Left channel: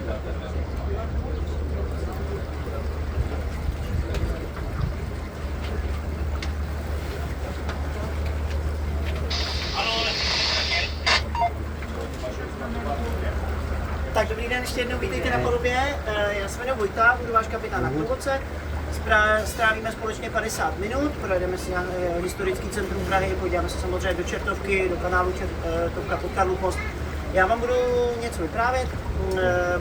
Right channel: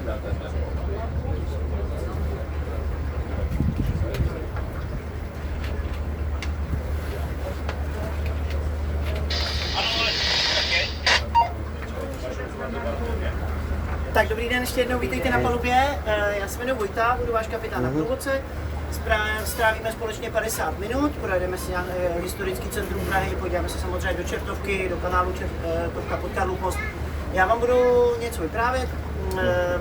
Tak dobrý den, ještě jednou vítejte na palubě. Já se jmenuji Vojta, budu váš kapitán na průvodce. Strávíme společně 50 minut, projedeme si na historický centrum Prahy, podíváme se samozřejmě do Čertovky, do kanálu Čertovka pod Karlův most. Já vám budu něco vyprávět.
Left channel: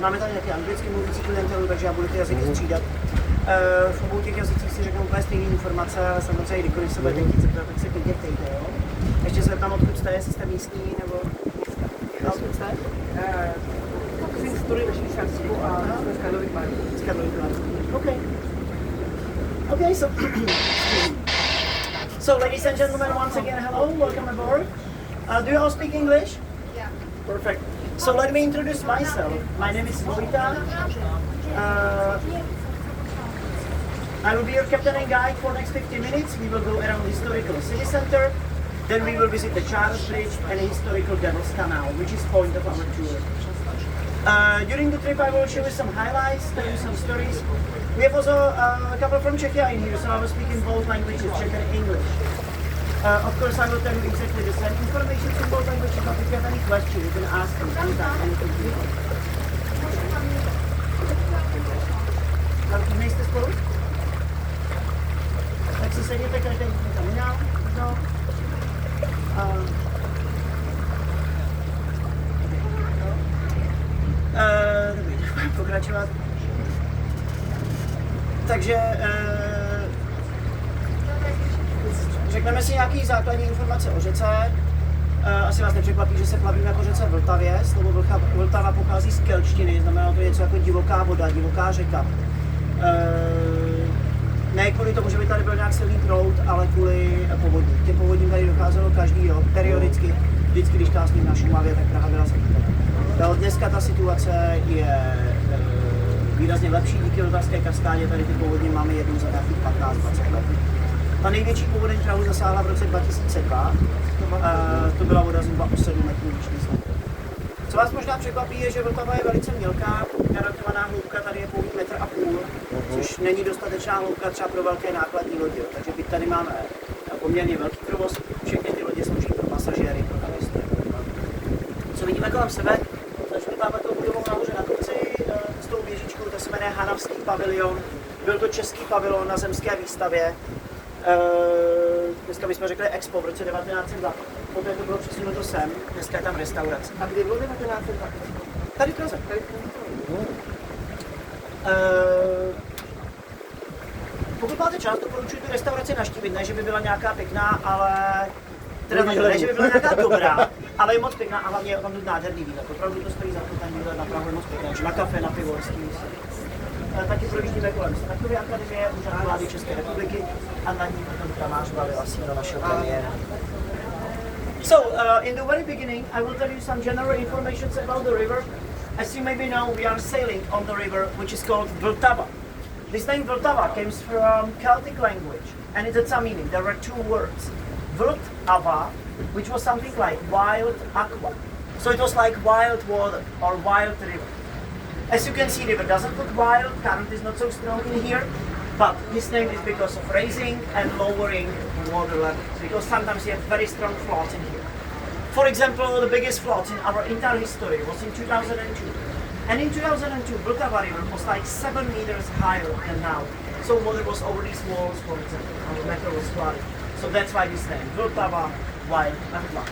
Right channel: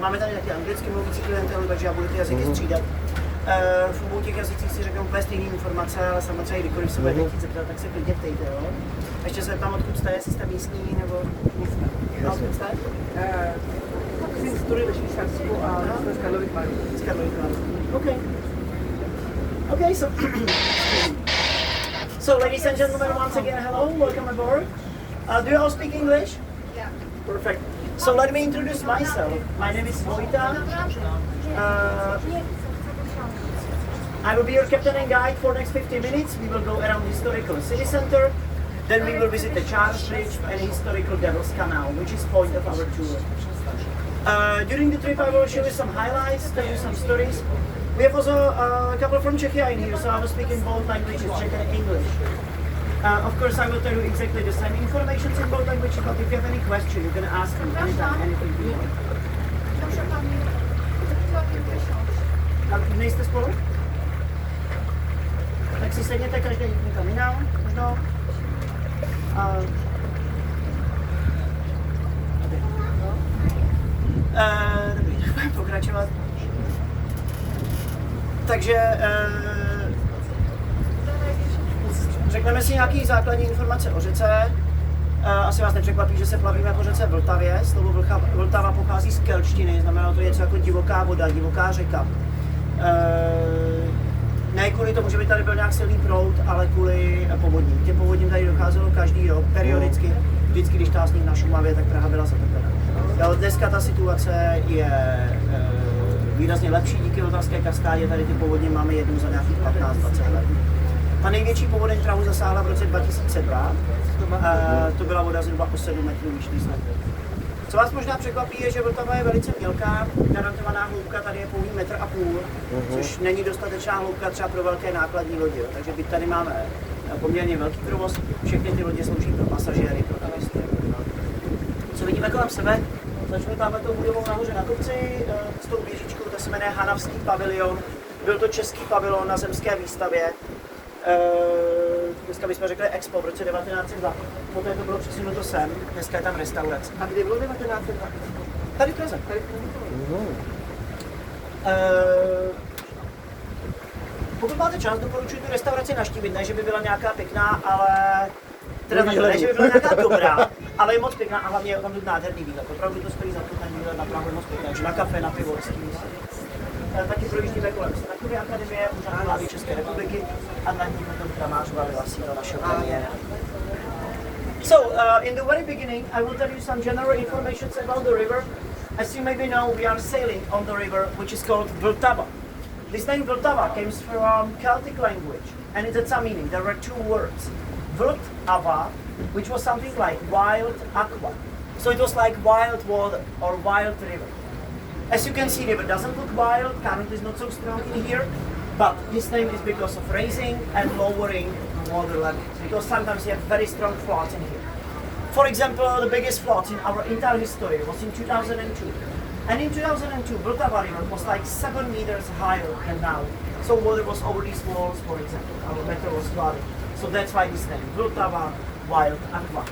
Máme tady nějaký anglicky mluvící klientelu, takže já budu ty jazyky střídat. V obou těch jazycích si řeknu úplně stejné informace, ale samozřejmě kdykoliv se budete chtít zeptat, tak se klidně ptejte, jo? Ještě se tam odkud jste, jestli jste místní nebo odkud jste? Takový historii ve Švýcarsku a z Karlových Varů. Z Karlových Varů. Okay. Okay, so ladies and gentlemen, once again, hello, welcome aboard. Do you all speak English? Yeah. Perfect. So let me introduce myself. My name is Vojta. I will be your captain and guide for the next 50 minutes. We will go around the historical city center. Then we will visit the Charles Bridge and the historical Devil's Canal, which is point of our tour. During the trip I will show you some highlights, tell you some stories. We have also a couple from Czechia in here, so I will speak in both languages, Czech and English. Of course, I will tell you exactly the same information in both languages, but if you have any questions, you can ask me anytime, anything you want. Nejste spolu? Tak si sedněte každý někam jinam, možná. Dobrý, budeme pokračovat. Takže řekneme si nějaké základní informace o řece. Asi vás nepřekvapí, že se plavíme po řece Vltavě. Slovo Vltava pochází z kelštiny, znamená to něco jako divoká voda, divoká řeka. Ne kvůli tomu, že by tady byl nějak silný proud, ale kvůli povodním. Těm povodním tady docházelo každý rok, periodicky. Vždycky, když ta sníh na Šumavě, tak Praha byla zatopena. Dneska ta situace je výrazně lepší díky Vltavské kaskádě, tady ty povodně máme jednou za nějakých 15-20 let. Ta největší povodeň Prahu zasáhla v roce 2002, to byla voda zhruba o 7 metrů vyšší snad. Co vás možná překvapí, je, že Vltava je velice mělká, garantovaná hloubka tady je pouhý 1,5 metru, což není dostatečná hloubka třeba pro velké nákladní lodě, takže byť tady máme poměrně velký provoz, všechny ty lodě slouží pro pasažéry, pro turisty. Co vidíme kolem sebe? Začnu tamhle tou budovou nahoře na kopci, s tou věžičkou, to se jmenuje Hanavský pavilion. Byl to český pavilon na zemské výstavě. Dneska bychom řekli Expo v roce 1902. Poté to bylo přesunuto sem, dneska je tam restaurace. A kdy bylo 1902? Tady v Praze. Pokud máte čas, doporučuji tu restauraci navštívit, ne, že by byla nějaká pěkná, ale... Teda ne, že by byla nějaká dobrá, ale je moc pěkná a hlavně je tam nádherný výhled. Opravdu to stojí za to, ten výhled na Prahu je moc pěkný, takže na kafe, na pivo, s tím. Taky projíždíme kolem Senátové akademie, úřad vlády České republiky a na ní potom Kramář Valila sídlo našeho premiéra. So, in the very beginning, I will tell you some general information about the river. As you maybe know, we are sailing on the river, which is called Vltava. This name Vltava comes from Celtic language, and it has a meaning. There were two words. Vltava, which was something like wild aqua. So it was like wild water or wild river. As you can see, the river doesn't look wild, current is not so strong in here, but this name is because of raising and lowering water levels, because sometimes you have very strong floods in here. For example, the biggest floods in our entire history was in 2002. And in 2002, Vltava River was like 7 meters higher than now. So water was over these walls, for example, our metro was flooded. So that's why this name, Vltava Wild Aqua.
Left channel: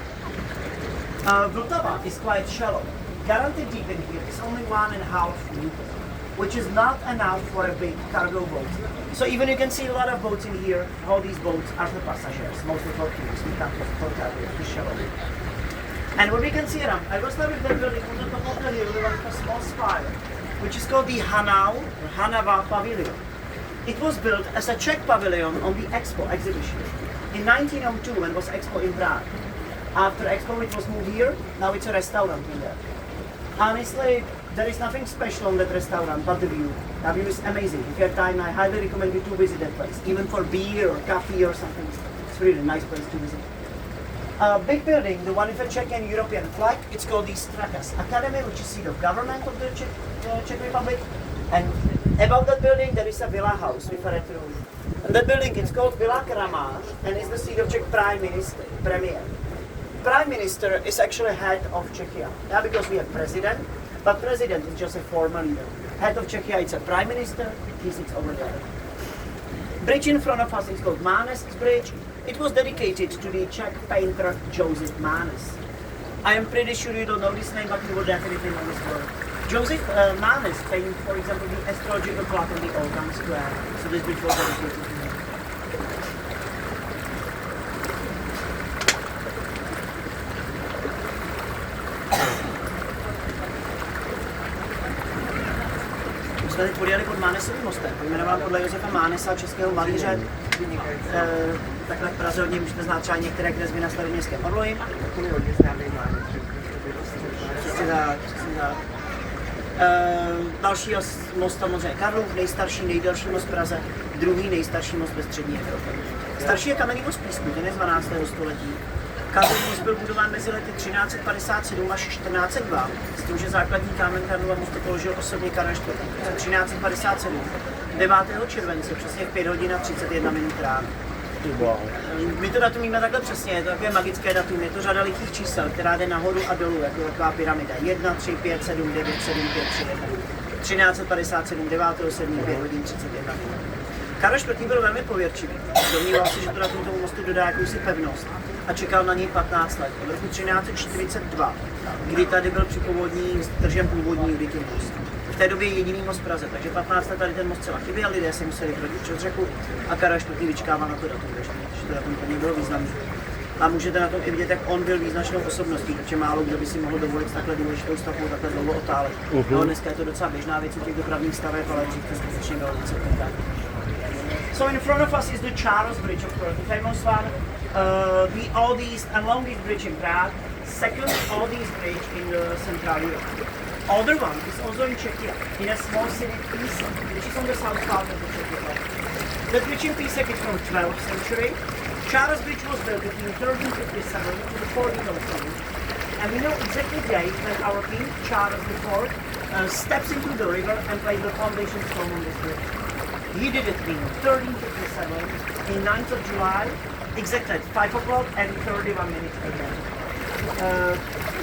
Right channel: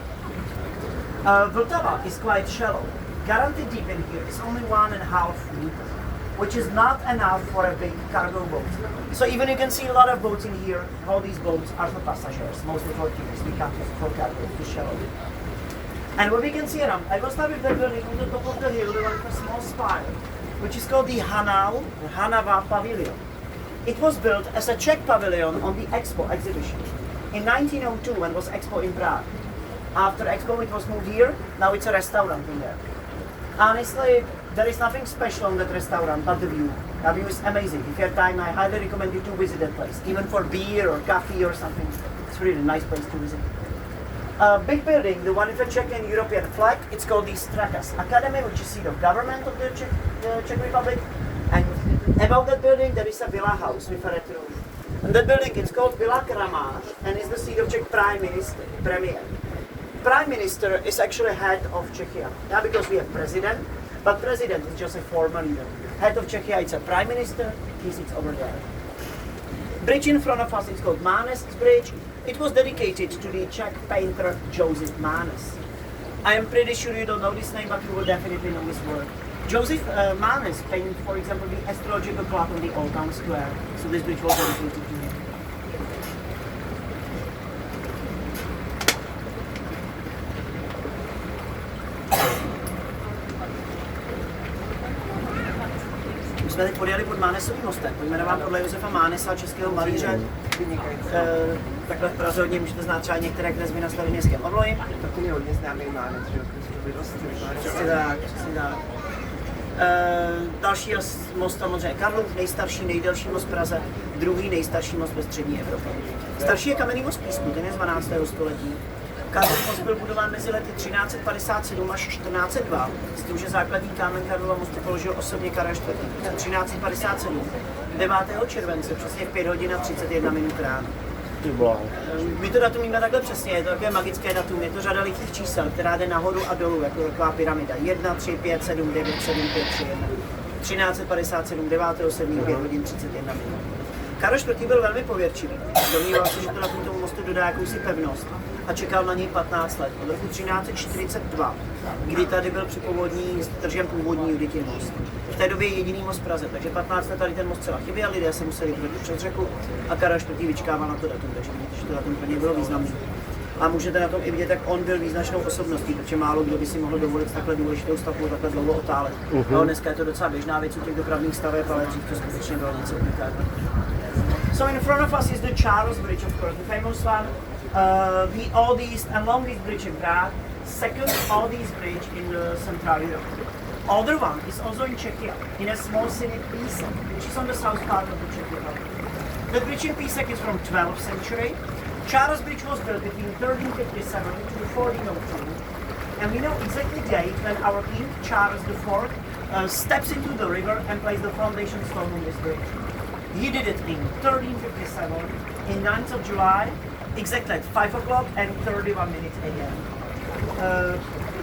Vltava is quite shallow. Guaranteed deep in here is only 1.5 meters, which is not enough for a big cargo boat. So even you can see a lot of boats in here. All these boats are for passengers, mostly for tourists. We can't just for cargo, it's shallow. And what we can see around, I will start with that building on the top of the hill, like a small spire, which is called the Hanava Pavilion. It was built as a Czech pavilion on the Expo exhibition in 1902 when it was Expo in Prague. After Expo it was moved here, now it's a restaurant in there. Honestly, there is nothing special on that restaurant but the view. The view is amazing. If you have time, I highly recommend you to visit that place, even for beer or coffee or something. It's really a nice place to visit. Big building, the one with the Czech and European flag, it's called the Strakas Academy, which is seat of government of the Czech Republic. And above that building there is a villa house with a red roof. And that building is called Villa Kramář and is the seat of Czech Prime Minister, Premier. Prime Minister is actually head of Czechia. Yeah, because we have president, but president is just a formal leader. Head of Czechia, it's a prime minister, he sits over there. Bridge in front of us is called Mánes Bridge. It was dedicated to the Czech painter Joseph Mánes. I am pretty sure you don't know this name, but you will definitely know this word. Joseph Mánes painted, for example, the astrological clock on the Old Town Square. So this bridge was dedicated to him. Jsme teď podjeli pod Mánesovým mostem, pojmenován podle Josefa Mánesa, českého malíře. Takhle v Praze hodně můžete znát třeba některé kresby na Staroměstském orloji. Takový hodně známý Mánec, že Přesně tak, přesně tak. Další most samozřejmě Karlův, nejstarší, nejdelší most v Praze, druhý nejstarší most ve střední Evropě. Starší je kamenný most Písku, ten je z 12. století. Karlův most byl budován mezi lety 1357 až 1402, s tím, že základní kámen Karlova mostu položil osobně Karel IV. 1357, 9. července, přesně v 5 hodin a 31 minut ráno. My to datum víme takhle přesně, je to takové magické datum, je to řada lichých čísel, která jde nahoru a dolů, jako taková pyramida. 1, 3, 5, 7, 9, 7, 5, 3, 1. 1357, 9. 7, 5 hodin 31 minut. Karel IV. Byl velmi pověrčivý. Domníval se, že to datum tomu mostu dodá jakousi pevnost a čekal na něj 15 let. Od roku 1342, kdy tady byl při povodní stržen původní Judikin most. V té době jediný most v Praze, takže 15 let tady ten most celá chyběl, lidé si museli protit přes řeku a Karel IV. Vyčkával na to datum, takže to datum pro něj bylo významné. A můžete na tom i vidět, jak on byl význačnou osobností, protože málo kdo by si mohl dovolit takhle důležitou stavbu takhle dlouho otálet. No, dneska je to docela běžná věc u těch dopravních staveb, ale dřív to skutečně bylo něco unikátního. So in front of us is the Charles Bridge, of course, the famous one, the oldest and longest bridge in Prague, second oldest bridge in Central Europe. Other one is also in Czechia, in a small city Písek, which is on the south part of the Czech Republic. The bridge in Písek is from 12th century. Charles Bridge was built between 1357 to 1407, and we know exactly the date when our king, Charles IV, steps into the river and plays the foundation stone on this bridge. He did it in 1357, in 9th of July, exactly at 5 o'clock and 31 minutes again.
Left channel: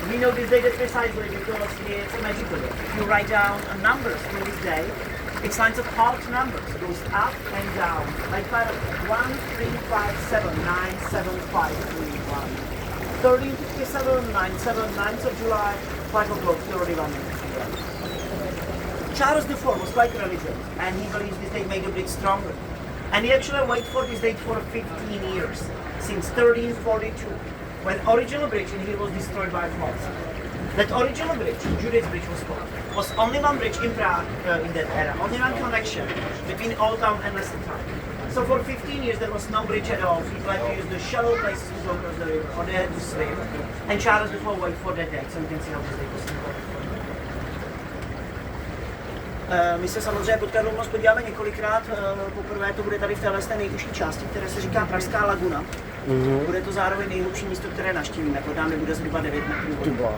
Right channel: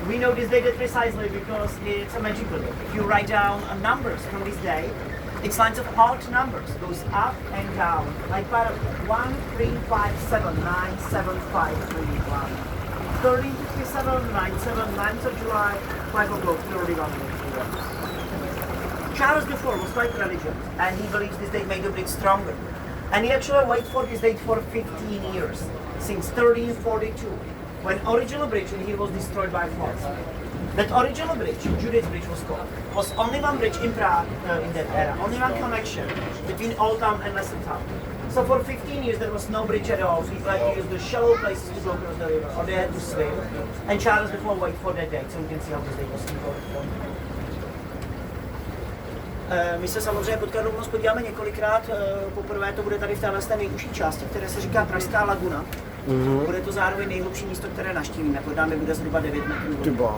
We know this date precisely because it's a magical day. If you write down numbers for this day, it's lines of odd numbers, goes up and down, like part of 1, 3, 5, 7, 9, 7, 5, 3, 1. 1357, 97, 9th of July, 5 o'clock, 31 minutes again. Charles IV was quite religious, and he believes this date made the bridge stronger. And he actually waited for this date for 15 years, since 1342, when original bridge in here was destroyed by floods. That original bridge, Judith Bridge was called, was only one bridge in Prague in that era, only one connection between Old Town and Lesser Town. So for 15 years there was no bridge at all. People had to use the shallow places to go across the river, or they had to swim. And Charles IV waited for that date, so you can see how this date was important. My se samozřejmě pod Karlův most podíváme několikrát. Poprvé to bude tady v téhle nejužší části, které se říká Pražská laguna. Bude to zároveň nejhlubší místo, které navštívíme. Pod námi bude zhruba 9 metrů.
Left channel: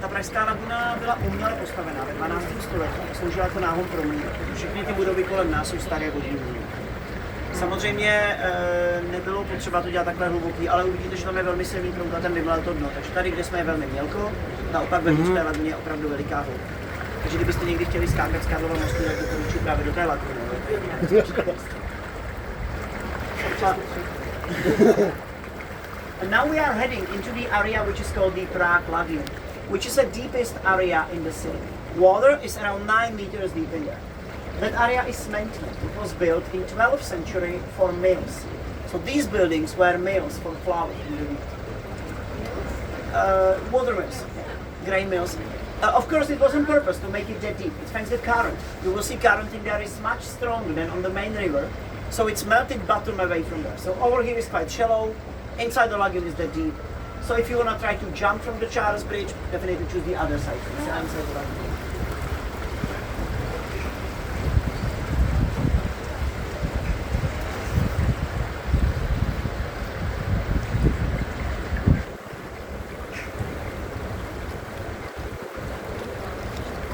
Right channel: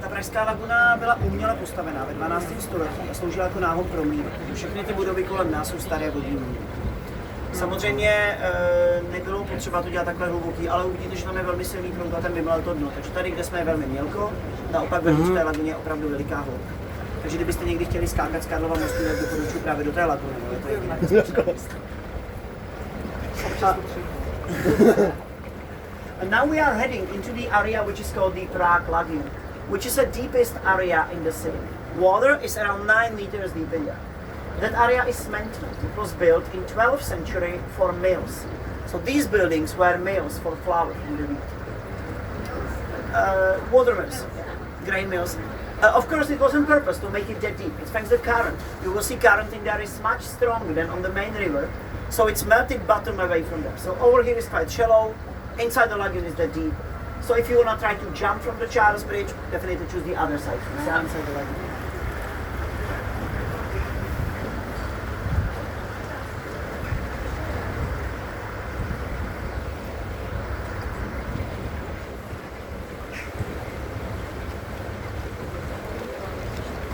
Ta Pražská laguna byla uměle postavená ve 12. století a sloužila jako náhon pro mír. Všechny ty budovy kolem nás jsou staré vodní můry. Samozřejmě nebylo potřeba to dělat takhle hluboký, ale uvidíte, že tam je velmi silný proud a ten vymlel to dno. Takže tady, kde jsme, je velmi mělko, naopak ve Pražské laguně je opravdu veliká hloubka. Takže kdybyste někdy chtěli skákat z Karlova mostu, tak doporučuji právě do té laguny. And now we are heading into the area which is called the Prague Lagoon, which is the deepest area in the city. Water is around 9 meters deep in there. That area is maintenance. It was built in 12th century for mills. So these buildings were mills for flour in the wheat. Water mills, grain mills. Of course, it was on purpose to make it that deep. It's thanks to current. You will see current in there is much stronger than on the main river. So it's melted bottom away from there. So over here is quite shallow. Inside the lagoon is that deep. So if you want to try to jump from the Charles Bridge, definitely choose the other side. It's inside the lagoon.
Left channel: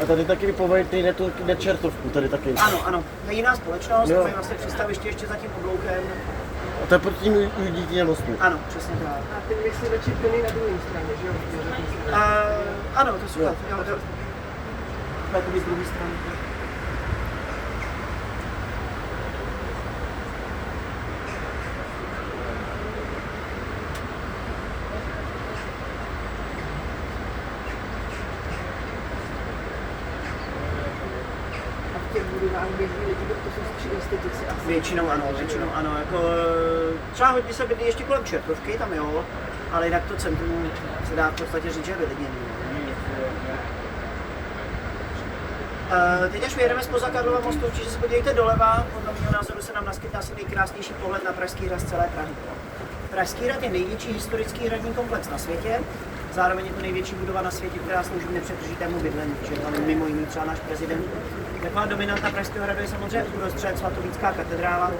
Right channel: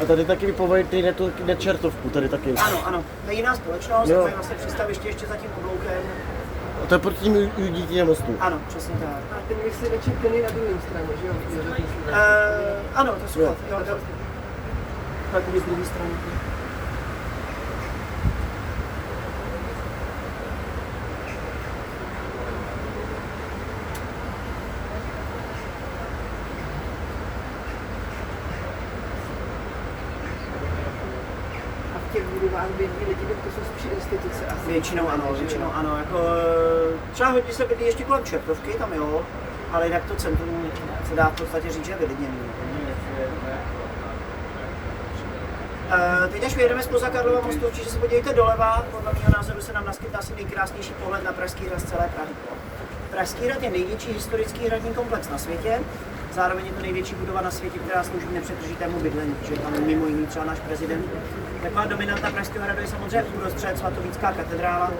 A tady taky vypověď jde Čertovku, tady taky. Ano, to je jiná společnost, to je vlastně přístaviště ještě za tím obloukem. A to je pod tím díky mostu. Ano, přesně tak. A ten mysliveček ten je na druhé straně, že jo? Ano, to jsou jo. Takový z druhé strany. To jsou spíš instituce asi. Většinou ano. Jako, třeba hodně se bydlí ještě kolem Černovky, tam jo, ale jinak to centrum se dá v podstatě říct, že je vylidněný. Teď až vyjedeme zpoza Karlova mostu, určitě se podívejte doleva, podle mého názoru se nám naskytne asi nejkrásnější pohled na Pražský hrad z celé Prahy. Pražský hrad je největší historický hradní komplex na světě, zároveň je to největší budova na světě, která slouží nepřetržitému bydlení, protože tam mimo jiný třeba náš prezident. Taková dominanta Pražského hradu je samozřejmě uprostřed svatovícká katedrála,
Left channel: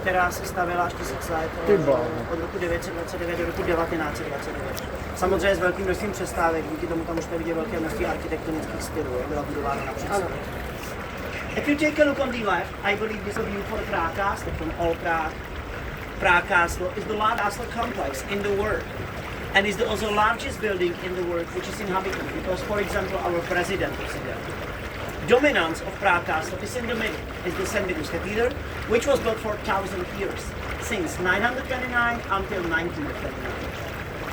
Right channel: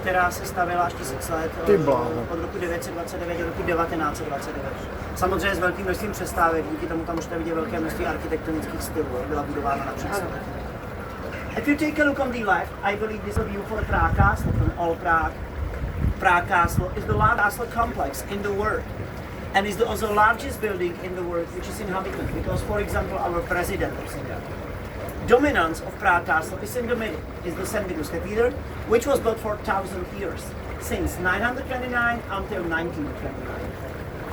která se stavěla až 1000 let, od roku 929 do roku 1929. Samozřejmě s velkým množstvím přestávek, díky tomu tam můžete vidět velké množství architektonických stylů, byla budována například. If you take a look on the left, I believe this is a view for the Prague Castle from all Prague. Prague Castle is the largest castle complex in the world and is also the largest building in the world which is inhabited because, for example, our president is in there. Dominance of Prague Castle is in the middle, is the St. Vitus Cathedral, which was built for 1000 years, since 929 until 1929.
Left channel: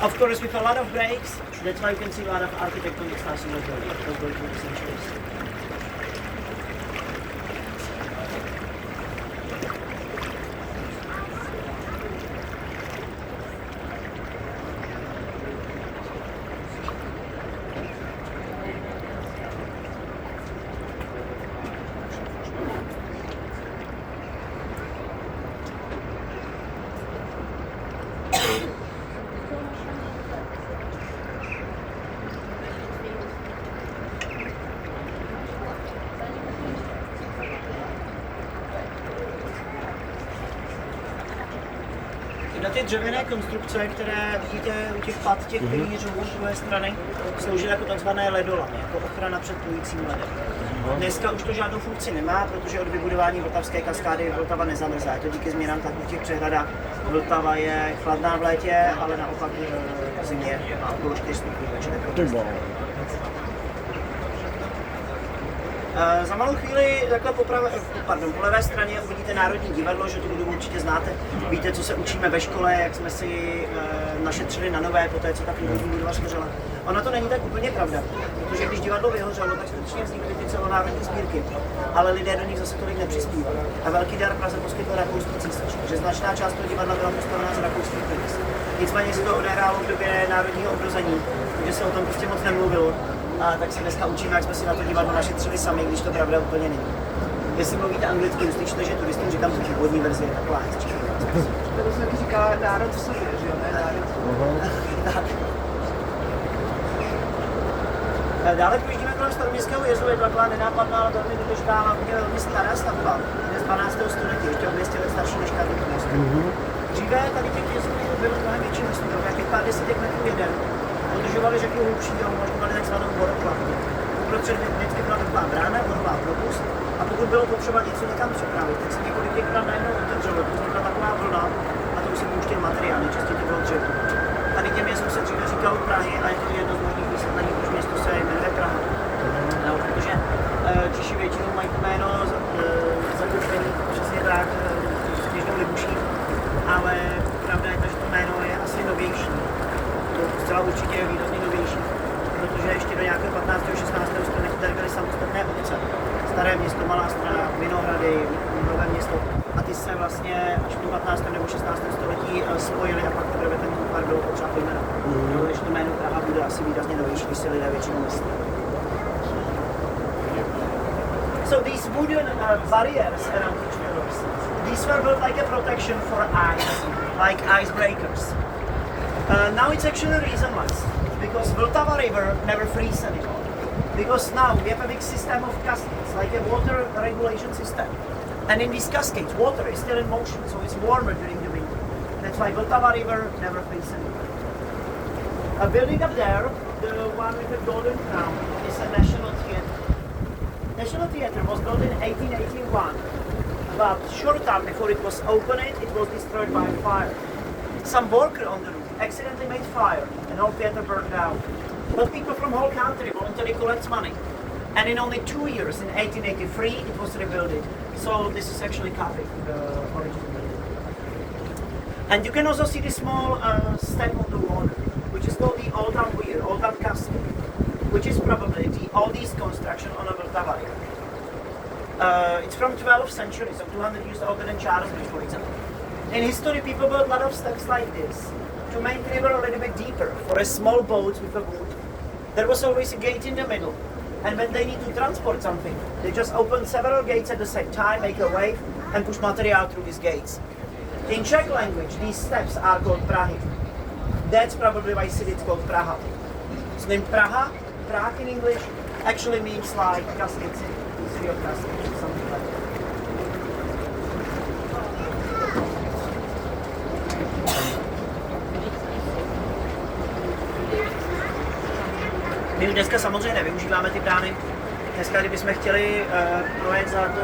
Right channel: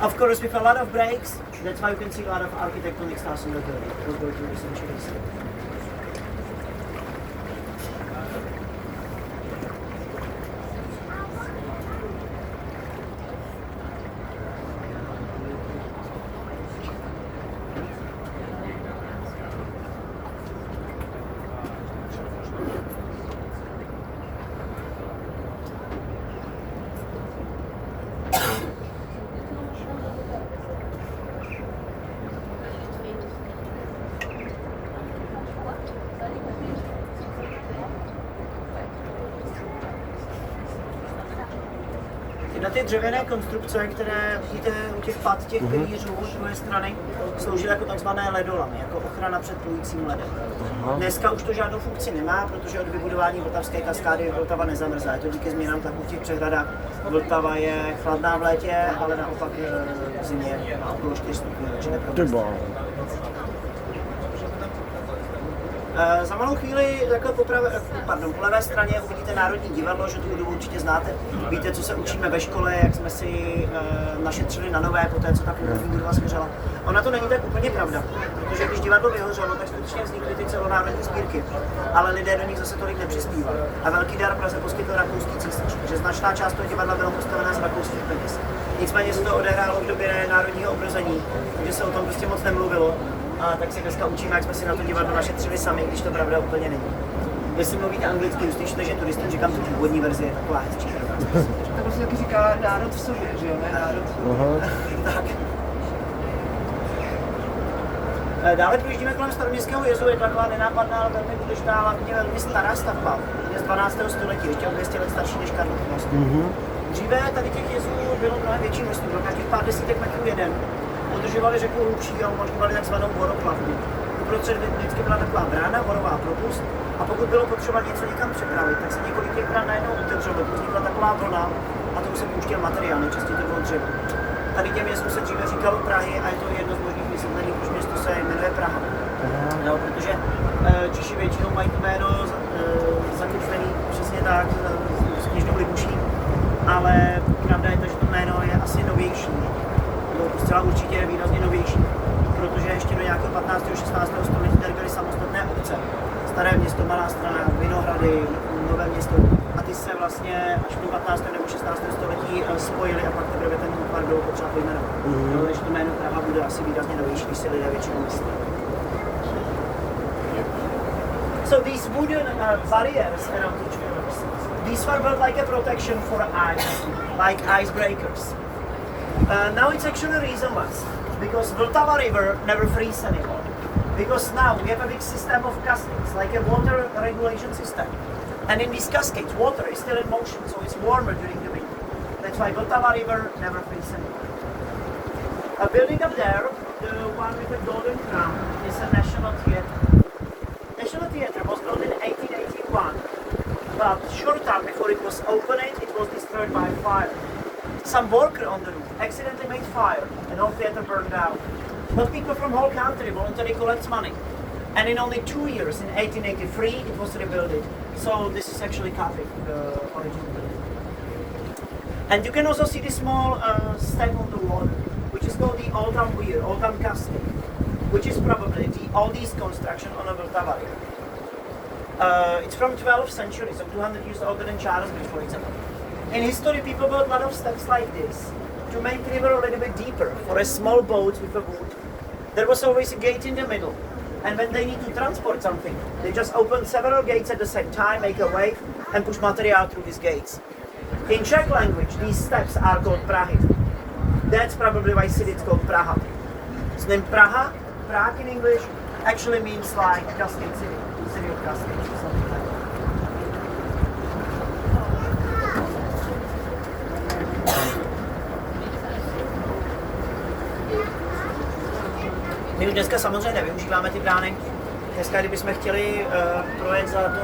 Of course, with a lot of breaks, that's why you can see a lot of architectonic styles in the building, those were through the centuries. Na ty dřevěné konstrukce, které vidíte u těch pad, těch pilířů z druhé strany, slouží jako takzvané ledolamy, jako ochrana před plujícím ledem. Dneska už to žádnou funkci nemá, protože od vybudování Vltavské kaskády Vltava nezamrzá. Je to díky změnám tlaku v těch přehradách. Vltava je chladná v létě, ale naopak v zimě má okolo 4 stupňů večer. Za malou chvíli takhle po levé straně uvidíte Národní divadlo, že tu budovu určitě znáte. Víte, co se učíme ve škole, jak jsme si našetřili na nové, poté co ta původní budova schořela. Ona to není tak úplně pravda, protože když divadlo vyhořelo, tak skutečně vznikly ty celonárodní sbírky, ale lidé do nich zase tolik nepřispívali. A velký dar Praze poskytl rakouský císař, že značná část toho divadla byla postavená z rakouských peněz. Nicméně se to odehrálo v době národního obrození, takže se o tom prostě moc nemluvilo. A tak si dneska učíme, jak jsme si na to divadlo našetřili sami, když to pravda úplně není. Jestli mluvíte anglicky, uslyšíte, že turistům říkám, že původní verze je taková hezčí. To se taky říká národ v sobě, že jo, ne národ. Tak. Dále projíždíme kolem Staroměstského jezu, je to taková nenápadná, ale velmi důležitá, hlavně velmi stará stavba. Je z 12. století, ještě o 200 let starší než Karlov most. Dříve tady těch jezů bylo mnohem větší množství, těch pár desítek metrů jeden. Udržovali řeku hlubší a umožňovali takzvanou voroplavbu. Uprostřed vždycky byla taková brána, vorová propust, a pokud bylo potřeba něco někam přepravit, tak se několik těch brán najednou otevřelo, to vznikla taková vlna a to už se pouštěl materiál, nejčastěji to bylo dřevo. Tady těm jezdům se dříve říkalo Prahy a je to jedno z možných vysvětlení, proč město se jmenuje Praha. No, protože Češi většinou mají to jméno zakotvený přesně tak, s kněžnou libuší, ale pravda je to, že to jméno je asi novější. Zcela určitě je výrazně novější, protože ještě do nějakého 15. 16. století tady byly samostatné obce. Staré město, Malá Strana, Vinohrady, Nové Město a ty se vlastně až v 15. nebo 16. století spojili a pak teprve ten útvar bylo potřeba pojmenovat. Takže to jméno Praha bude asi výrazně novější, když si lidé většinou myslí. So these wooden barriers around the trailers, these were built like a protection for ice, like icebreakers. Now it's actually reasonless, because Vltava River never freezes anymore. Because now we have a big system of cascades, like a water regulation system. And in these cascades, water is still in motion, so it's warmer during the winter. That's why Vltava River never freezes anymore. A building up there, the one with the golden crown, is a national theatre. National Theatre was built in 1881, but short time before it was opened, it was destroyed by fire. Some worker on the roof accidentally made fire, and all theatre burned down. But people from whole country voluntarily collect money, and in only 2 years, in 1883, it was rebuilt. So this is actually copy of the original building. And you can also see the small step on the wall, which is called the Old Town Weir, Old Town Castle, which is probably the oldest construction on the Vltavě. It's from 12th century, so 200 years older than Charlesbridge, for example. In history, people built a lot of steps like this to make the river a little bit deeper for a small boat with a wood. There was always a gate in the middle, and when they need to transport something, they just open several gates at the same time, make a wave, and push material through these gates. In Czech language, these steps are called Prahy. That's probably why city is called Praha. Its name Praha, Prague in English, actually means like Cascade City, city of Cascade, or something like that. My dneska samozřejmě nevyužíváme ty brány. Dneska, kdybychom chtěli projet za to,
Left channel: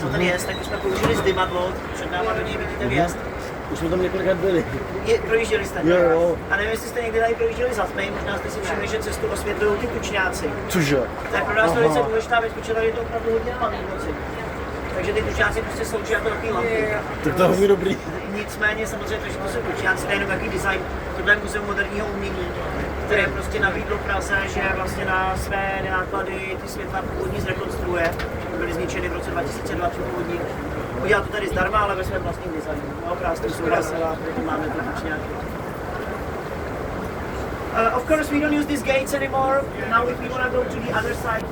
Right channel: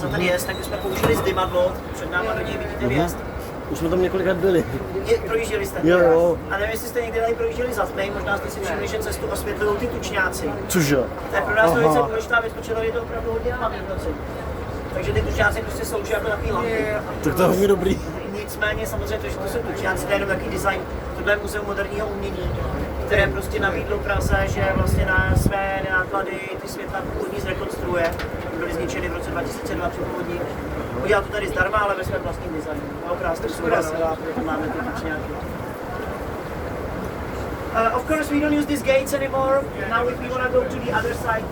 co tady je, tak bychom použili zdymadlo, před náma do něj vidíte vjezd. Už jsme tam několikrát byli. Projížděli jste? Jo. A nevím, jestli jste někdy tady projížděli za tmy, možná jste si všimli, že cestu osvětlují ty tučňáci. Cože? To je pro nás velice důležitá věc, protože je to opravdu hodně na noci. Takže ty tučňáci prostě slouží jako takový lampy. Tak to je hodně dobrý. Nicméně samozřejmě, že to jsou tučňáci, to je jenom takový design. Tohle je muzeum moderního umění, které prostě nabídlo Praze, že vlastně na své náklady ty světla původní zrekonstruuje. Byly zničeny v roce 2020 původní. Udělal to tady zdarma, ale ve svém vlastním designu. No, krásně studia sela, proto máme to tučňáky. Of course, we don't use these gates anymore. Now, if we want to go to the other side,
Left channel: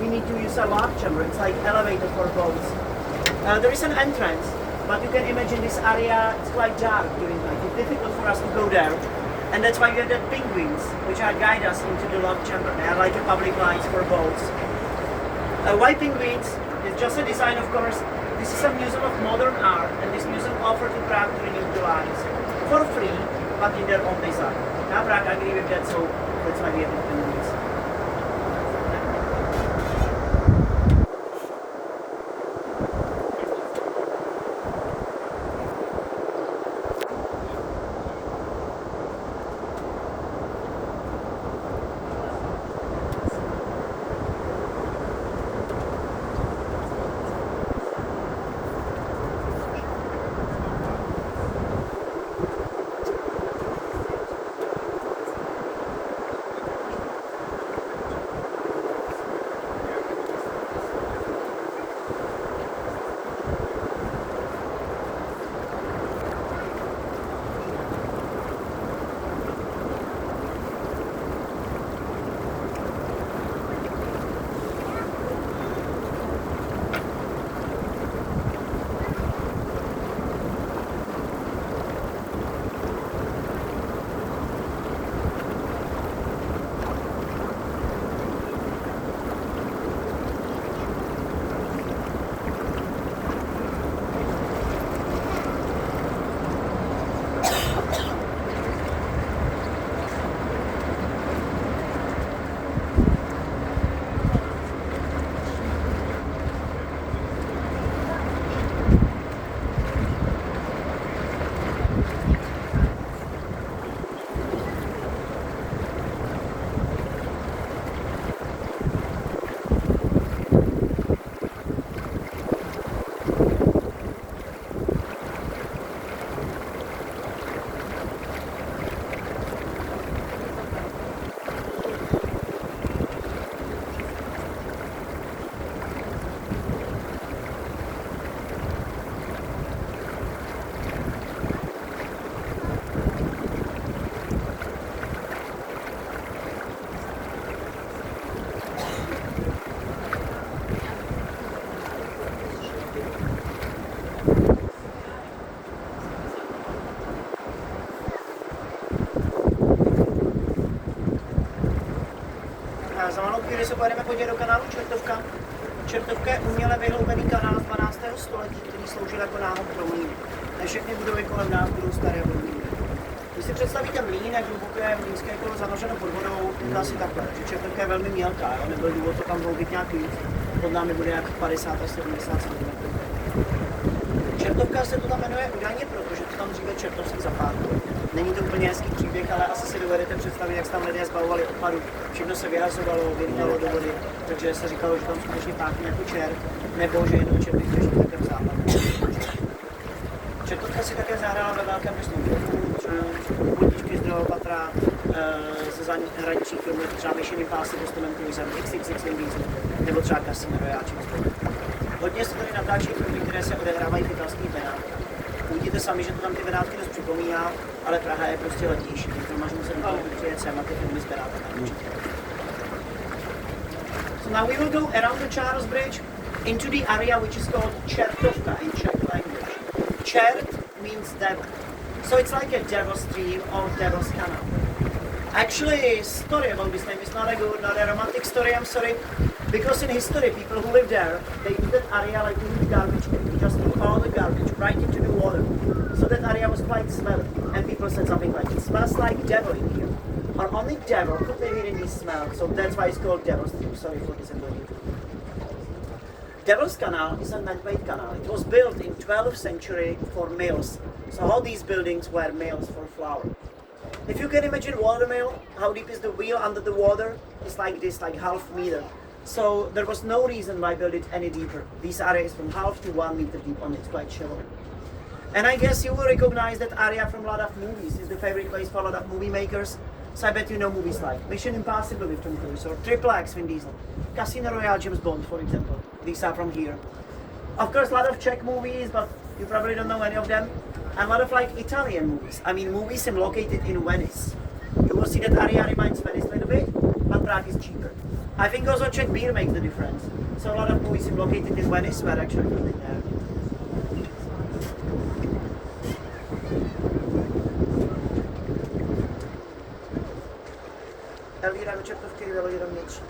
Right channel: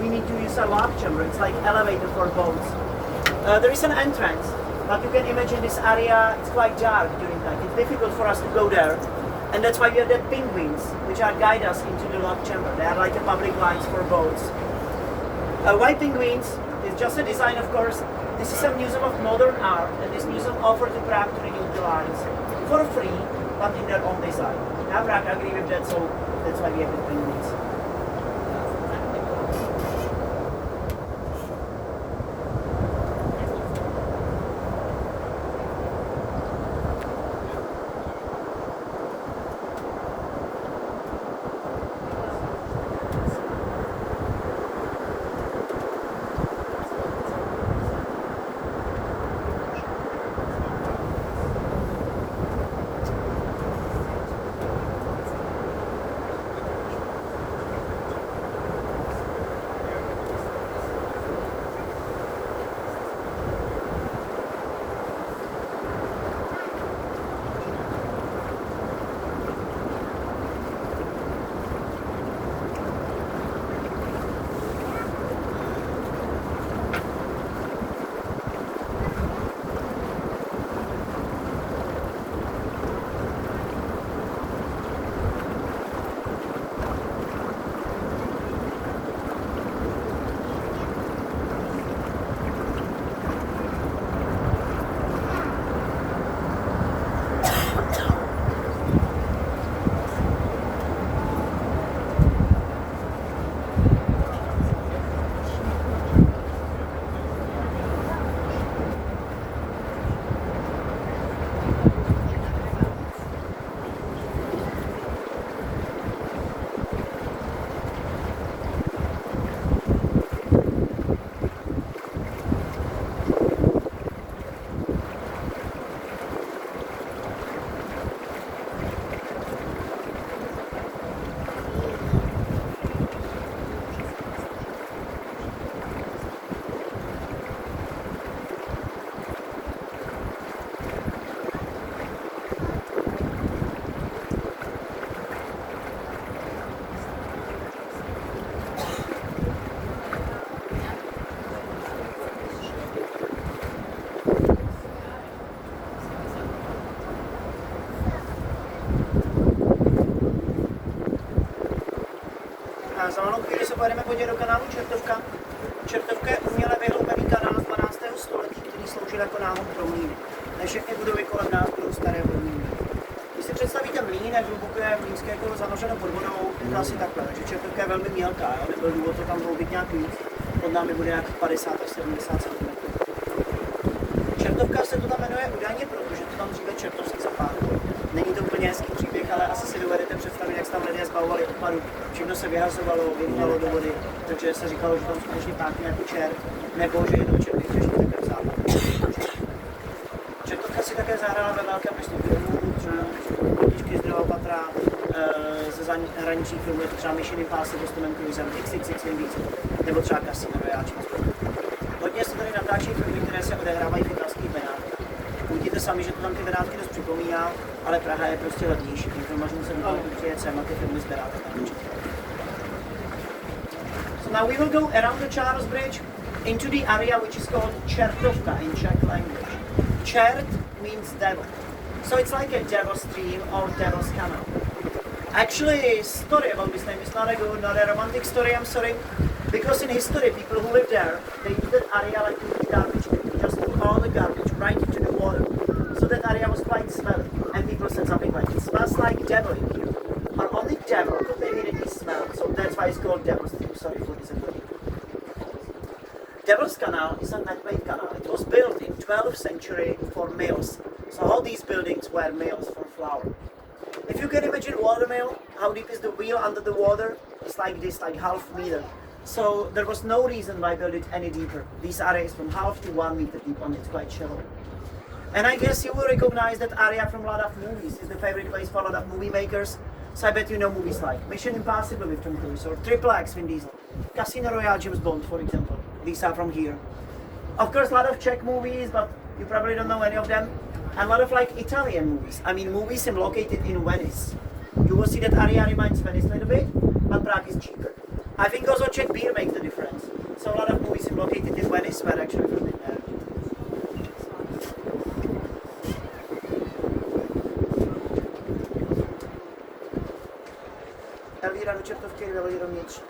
we need to use a love chamber. It's like elevator for boats. There is an entrance, but you can imagine this area, it's quite dark during night. It's difficult for us to go there. And that's why we have that penguins, which are guide us into the love chamber. They are like a public lights for boats. Why penguins? It's just a design, of course. This is a museum of modern art, and this museum offered to Prague to renew the lines for free, but in their own design. Now Prague agree with that, so that's why we have the penguins. Za malou chvíli se pojedeme podívat do kanálu Čertovka. Čertovka je uměle vyhloubený kanál z 12. století, který sloužil jako návod pro mlýny. Ne všechny budovy kolem nás budou staré vodní mlýny. Když si představíte mlýnek hluboké mlýnské kolo zanořeno pod vodou, to asi takhle, takže Černovka je velmi mělká, jo? Nebyl důvod to tam hloubit nějak víc, pod námi bude jak 50 až 70 cm. Černovka se to tam jmenuje údajně, protože to tam dříve čertovský zapárko. Není to úplně hezký příběh, ale asi si dovedete představit, jak se tam lidé zbavovali odpadu. Všechno se vyhazovalo, vyrývalo do vody, takže se říkalo, že tam skutečně tápí jako čert, nebo že jednou čerty těží také v západu. Čertovka si také zahrála ve velkém množství filmů, třeba Kritičky z druhého patra, ze zahraničních filmů, třeba Mission Impossible s Tomem Cruisem, XXX nejvíc, nebo třeba Casino Royale. Hodně se tady natáčí filmy, které se odehrávají v italských Benátech. Uvidíte sami, že to tam ty Benátky dost připomíná, ale Praha je prostě lednější, takže možná se do Vyjecem na ty filmy z Benátek naučit. So now we will go around the Charles Bridge into the area which is called Čertovka in Czech language. Čert means devil, so it's like a devil stream or devil's canal. Actually, story about this name is not a good, not a romantic story, I'm sorry. Because in history, people who live there, they do that area like with garbage. They just put all the garbage right into the water. So that area was quite smelly. And people said something like, it smells like devil in here. But only devil could live in this smell. So that's why it's called Devil's Stream. Sorry for disappointing. Devil's Canal is a man-made canal. It was built in 12th century for mills. So all these buildings were mills for flour. If you can imagine watermill, how deep is the wheel under the water? It's like this, like half meter. So there was no reason why build it any deeper. These areas from half to 1 meter deep on it's quite shallow. And I guess you will recognize that area from a lot of movies. It's the favorite place for a lot of movie makers. So I bet you know movies like Mission Impossible with Tom Cruise or Triple X Vin Diesel, Casino Royale James Bond, for example. These are from here. Of course, a lot of Czech movies, but you probably don't know any of them. And a lot of like Italian movies. I mean, movies are located in Venice. You will see that area reminds Venice a little bit, but Prague is cheaper. I think also Czech beer makes the difference. So a lot of movies are located in Venice, were actually filmed there. Elvíra do Čertovky dali rovnější.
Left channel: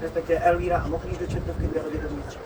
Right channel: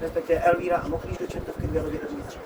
Respektive Elvíra a Moklíš do Čertovky dali rovnější.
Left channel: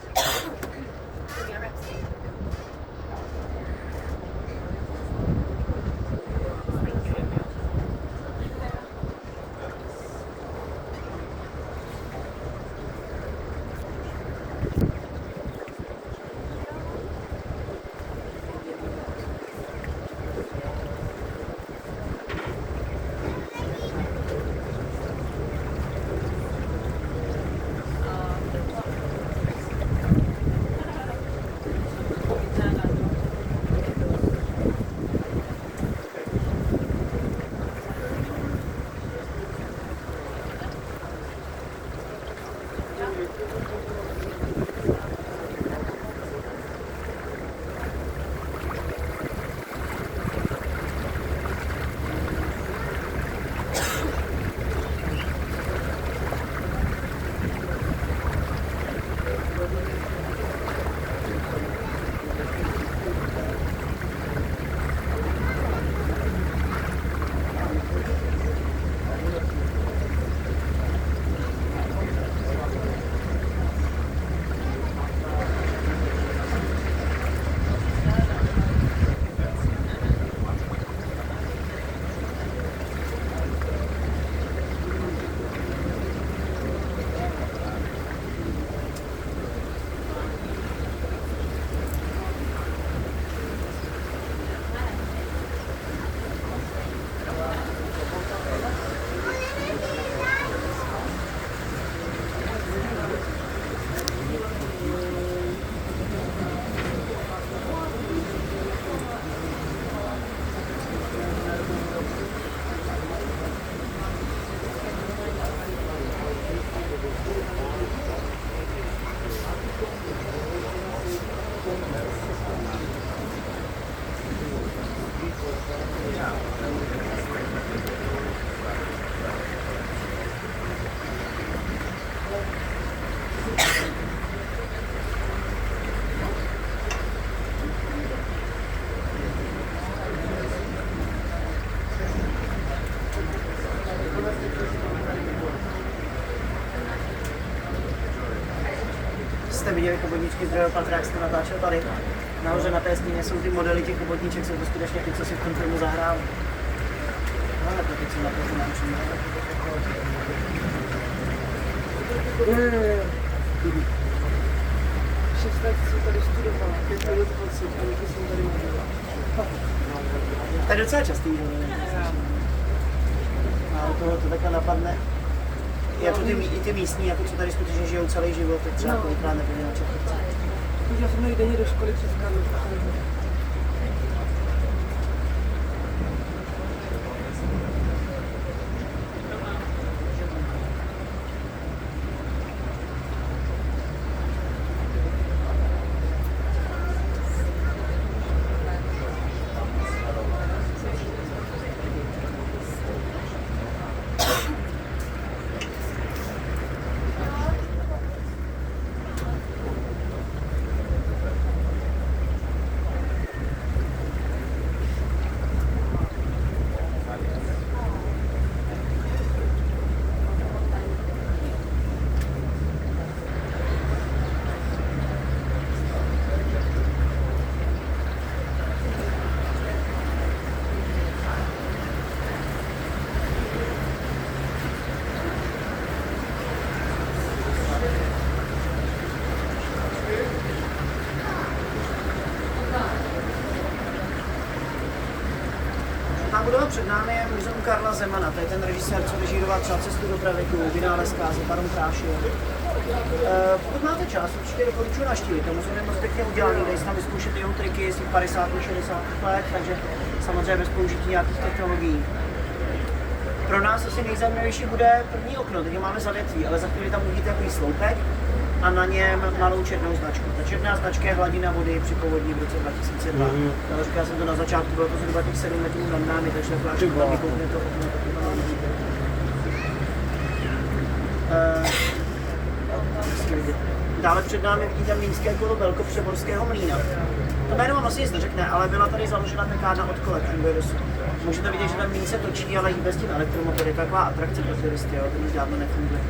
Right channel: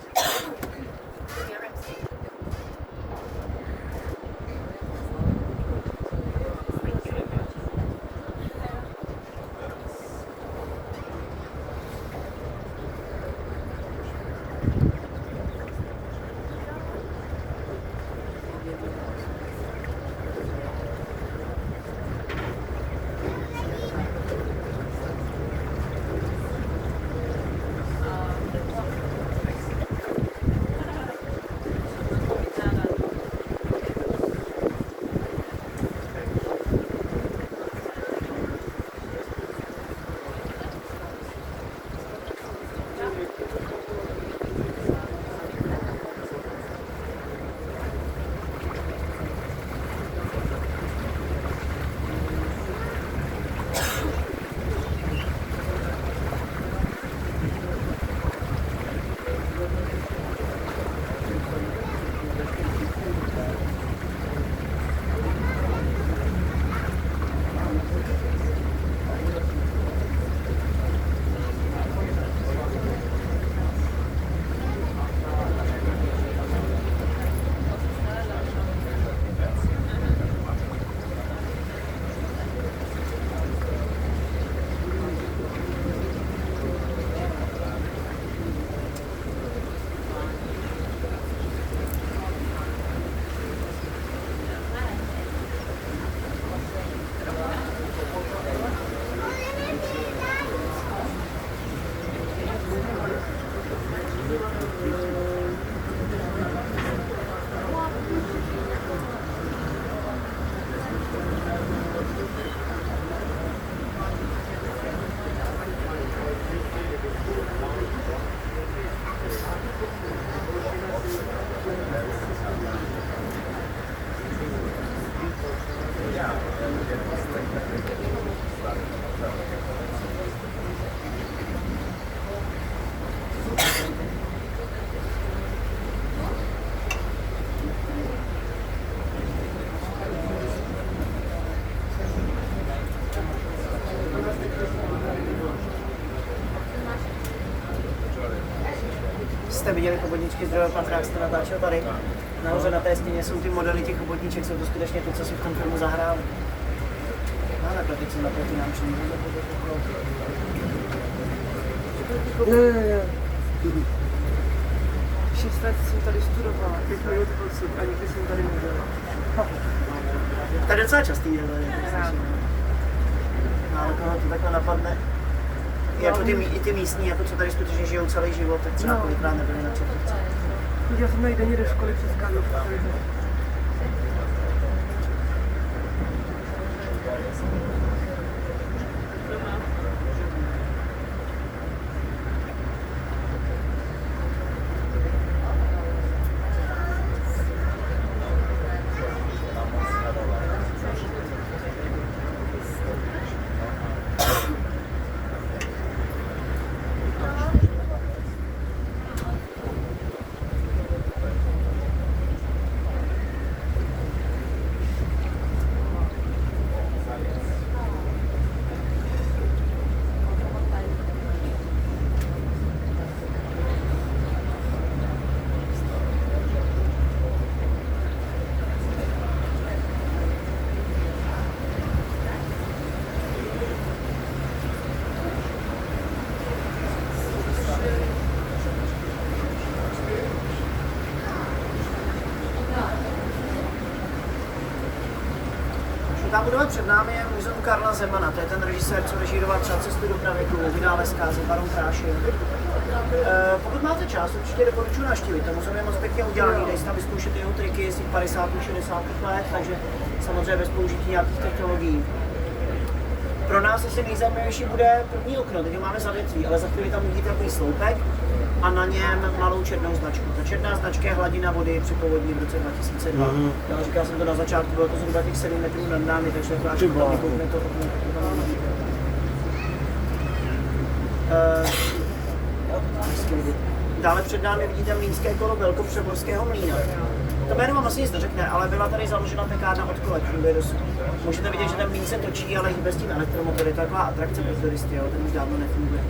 jste viděli chobotničky z druhého patra, jak jste natáčel tady. Nahoře na té stěně jsou ty modely těch chobotniček, jsou to skutečně ty, co si v tom filmu zahrál. No ale to teď jsem na to finanční. Ne. 6 let jsem tady studovala, 5 minut odsud a nikdy jsem tady nebyla. To je docela častý, že? No, ale koho to takhle napadne. Jako i ty místní, jako co tady skutečně žijou celý život, tak třeba kolikrát nebyli na Černovce. Chodila jsem tady denně do školy přes Karlovku. Ta budova před námi je muzeum Karla Zemana, to je ten režisér, co režíroval třeba Cestu do pravěku, Vynálezka, Baron Krášil. Pokud máte čas, určitě doporučuji navštívit. To muzeum je moc pěkně udělaný, dají se tam vyzkoušet jeho triky z těch 50. 60. let, takže samozřejmě bez použití nějakých technologií. Pro nás asi nejzajímavější bude první okno, teď ho máme za větví, ale za chvíli tam uvidíte takový sloupek a na něm malou černou značku. Ta černá značka je hladina vody při povodni v roce 2002. Ale říkal jsem to na začátku, bylo to zhruba těch 7 metrů nad námi, takže to až vykoukne to okno. Dále před námi vidíte mlýnské kolo velkopřeborského mlýna. To jméno vám asi nic neřekne, ale byla tady založena pekárna od kolek, funguje dosud. Můžete vidět, že ten mlýn se točí, ale hýbe s tím elektromotory, je to taková atrakce pro turisty, jo, to už dávno nefunguje.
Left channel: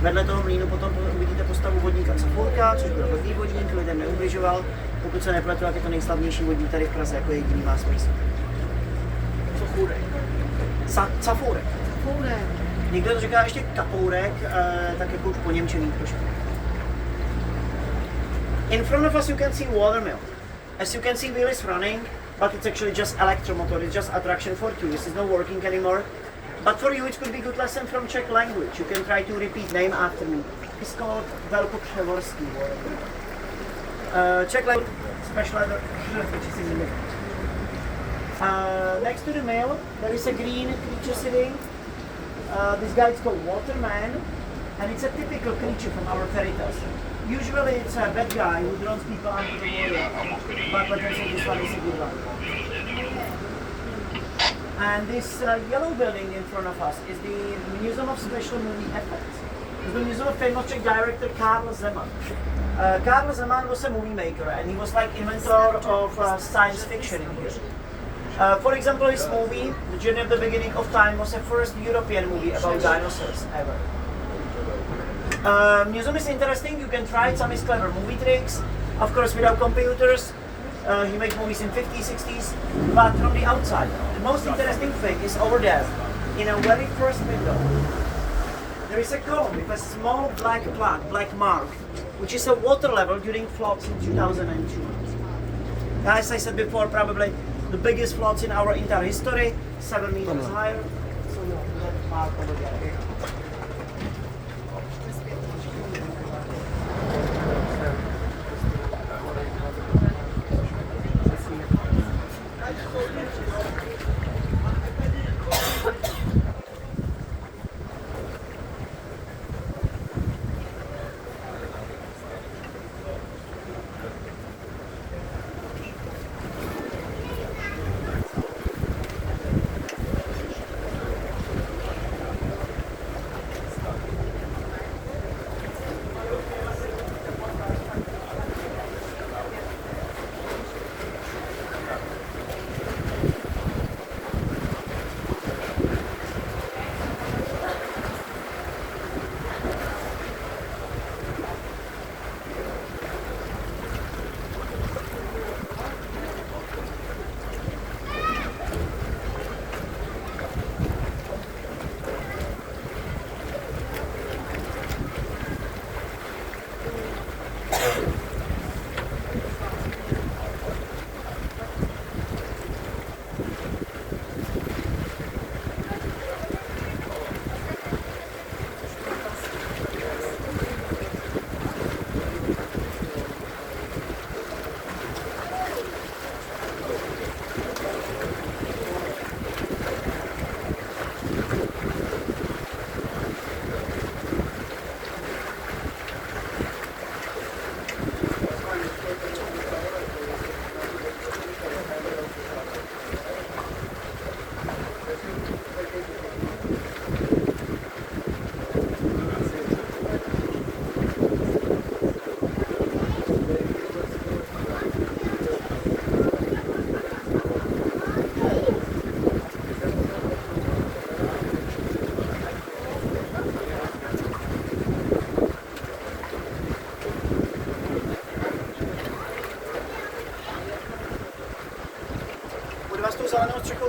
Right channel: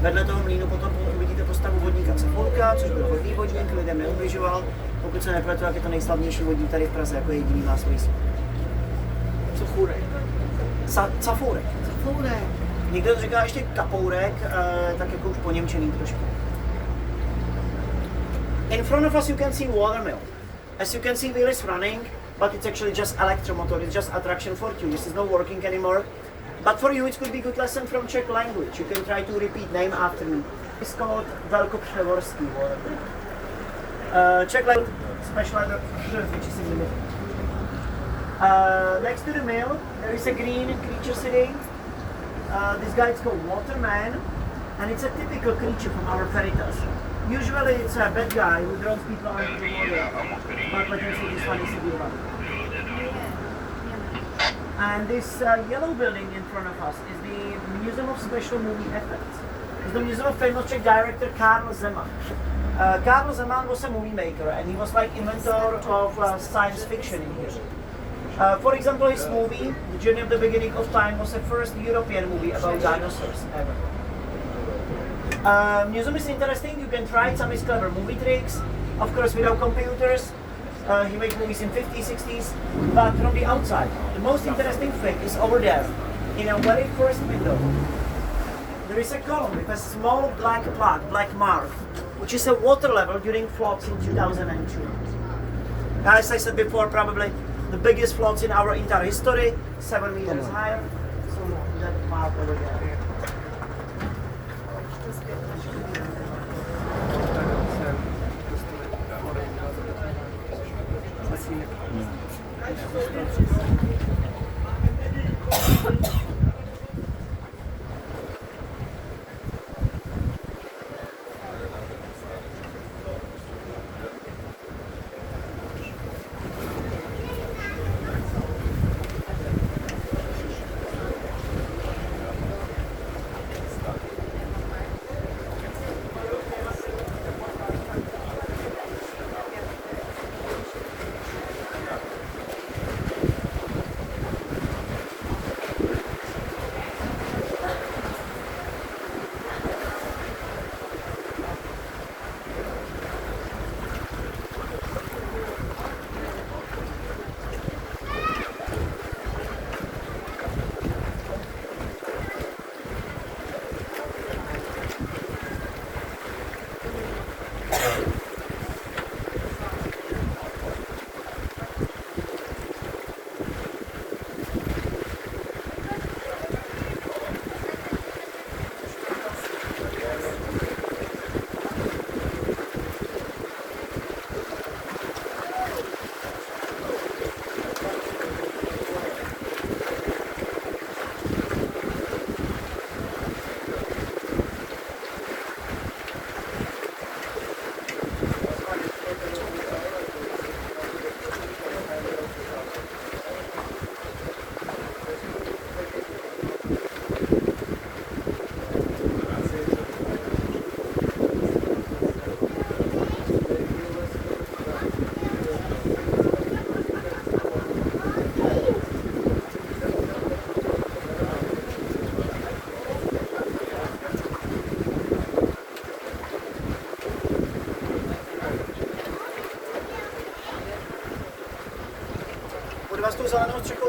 Vedle toho mlýnu potom uvidíte postavu vodníka Cafurka, což byl hodný vodník, lidem neubližoval. Pokud se nepletu, jak je to nejslavnější vodník tady v Praze, jako jediný má svůj svět. Cafurek. Cafurek. Cafurek. Někdo to říká ještě kapourek, tak jako už poněmčený trošku. In front of us you can see watermill. As you can see, wheel is running, but it's actually just electromotor, it's just attraction for tourists, it's not working anymore. But for you it could be good lesson from Czech language. You can try to repeat name after me. It's called Velkopřevorský watermill. Czech language, special letter, which is in the middle. Next to the mill, there is a green creature sitting. This guy is called Waterman, and it's a typical creature from our fairy tales. Usually it's a bad guy who drones people under the water, but potentially this one is a good one. And this yellow building in front of us is the Museum of Special Movie Effects. It's the museum of famous Czech director Karl Zeman. Karl Zeman was a movie maker, and he was like inventor of science fiction in here. For example, his movie, The Journey of the Beginning of Time, was the first European movie about dinosaurs ever. Museum is interesting, you can try some of his clever movie tricks, of course without computers. He made movies in 50s, 60s, but from the outside. The most interesting thing is over there, in a very first window. There is a column with a small black plaque, black mark, which is a water level during floods in 2002. As I said before, probably the biggest floods in our entire history, 7 meters higher. So that mark over there.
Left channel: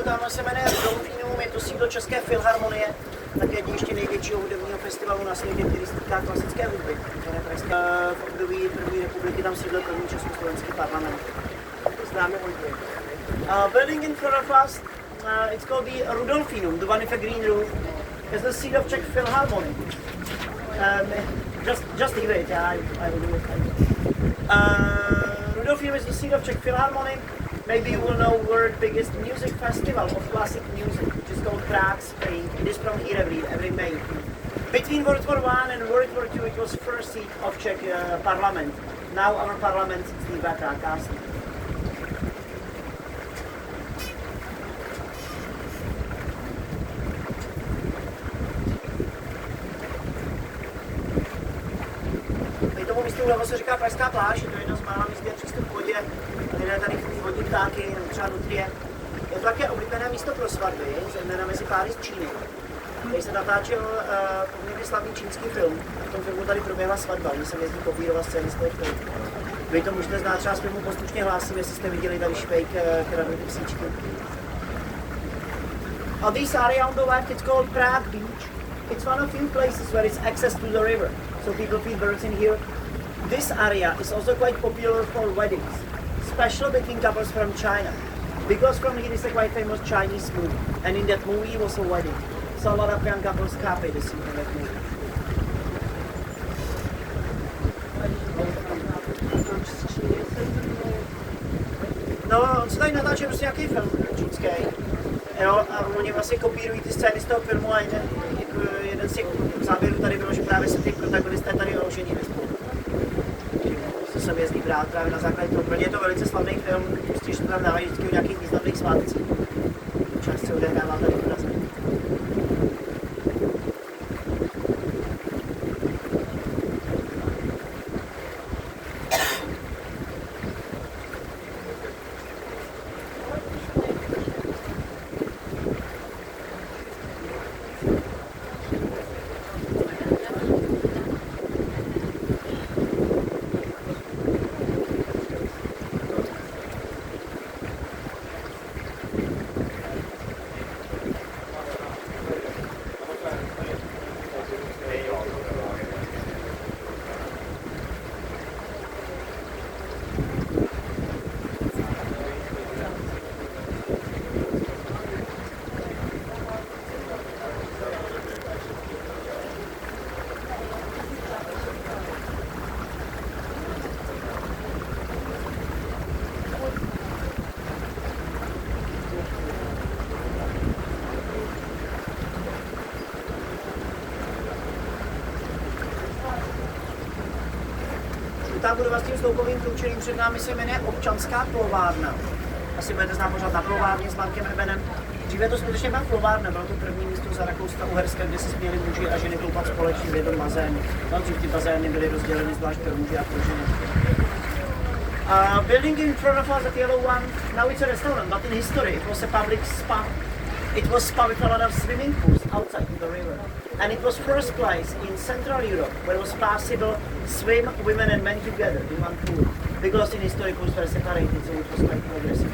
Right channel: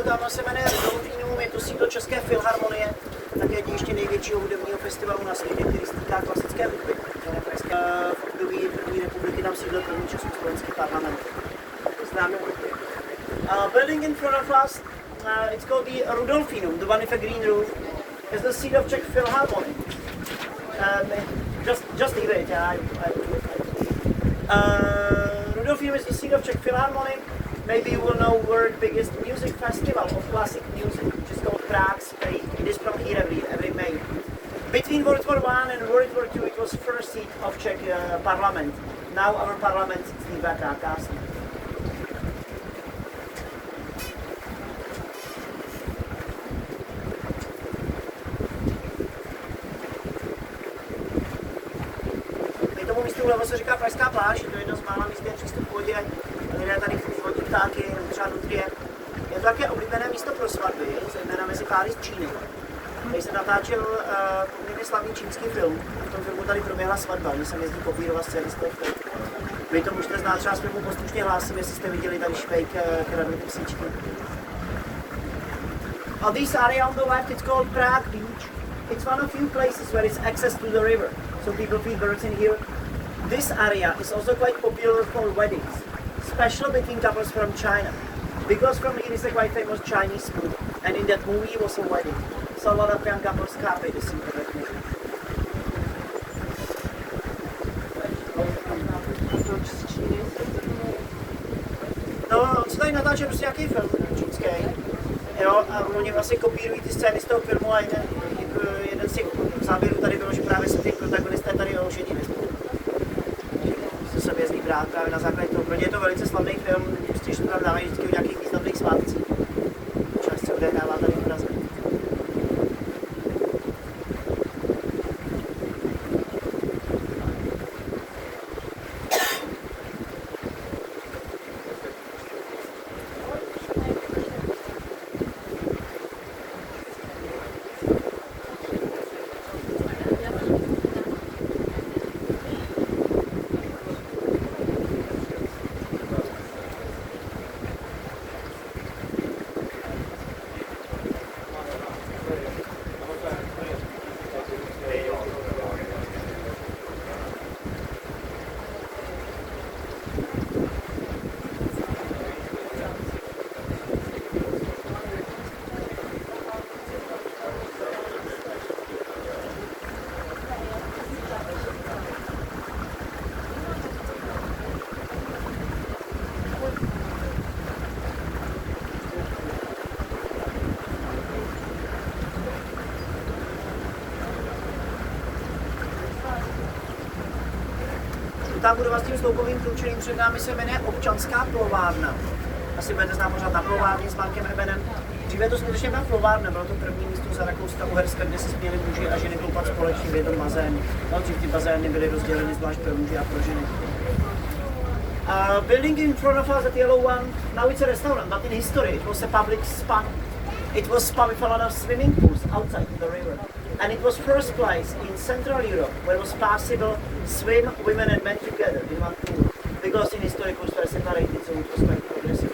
tamhle se jmenuje Vltavě, je to sídlo České filharmonie, také ještě největšího hudebního festivalu na světě, který se týká klasické hudby. V období první republiky tam sídlil první československý parlament. To známe hodně. Building in front of us, it's called the Rudolfinum, the one with a green roof. It's the seat of Czech Philharmonic. Just leave it, I will do it. Rudolfinum is the seat of Czech Philharmonic. Maybe you will know world biggest music festival of classic music, which is called Prague, Spain. It is from here every May. Between World War I and World War II, it was first seat of Czech parliament. Now our parliament is dvakrát krásný. Tomu místu vlevo se říká Pražská pláž, je to jedno z mála míst, kde je přístup k vodě, které tady vodní ptáky, třeba nutrie. Je to také oblíbené místo pro svatby, zejména mezi páry z Číny. Tady se natáčel poměrně slavný čínský film. V tom filmu tady proběhla svatba, oni se jezdí kopírovat scény z toho filmu. Vy to můžete znát třeba z filmu Poslušně hlásím, jestli jste viděli tady švejk kivadlo písničky. On this area on the left, it's called Prague Beach. It's one of few places where it's access to the river, so people feed birds in here. This area is also quite popular for weddings, especially between couples from China, because from here is a quite famous Chinese food, and in that movie was a wedding, so a lot of young couples copy this information. No, on se tady natáčí prostě nějaký film čínský, jo, a oni vlastně kopírují ty scény z toho filmu a jeden z těch záběrů tady bylo, že právě se ty protagonisté tady oženili. Se jezdí brát právě na základě toho. Pro ně je to velice slavný film, když to tam dávají vždycky v nějakých významných svátcích. Čas se odehrává tady v Praze. Ta budova s tím sloupovým průčelím před námi se jmenuje Občanská plovárna. Asi budete znát možná na plovárně s Markem Rebenem. Dříve to skutečně byla plovárna, bylo to první místo za Rakouska-Uherska, kde se směli muži a ženy koupat společně v jednom bazénu. No, dřív ty bazény byly rozděleny zvlášť pro muže a pro ženy. Building in front of us, that yellow one, now it's a restaurant, but in history it was a public spa. It was spa with a lot of swimming pools outside the river. And it was first place in Central Europe where it was possible to swim women and men together in one pool. Because in history pools were separated, so it was quite progressive.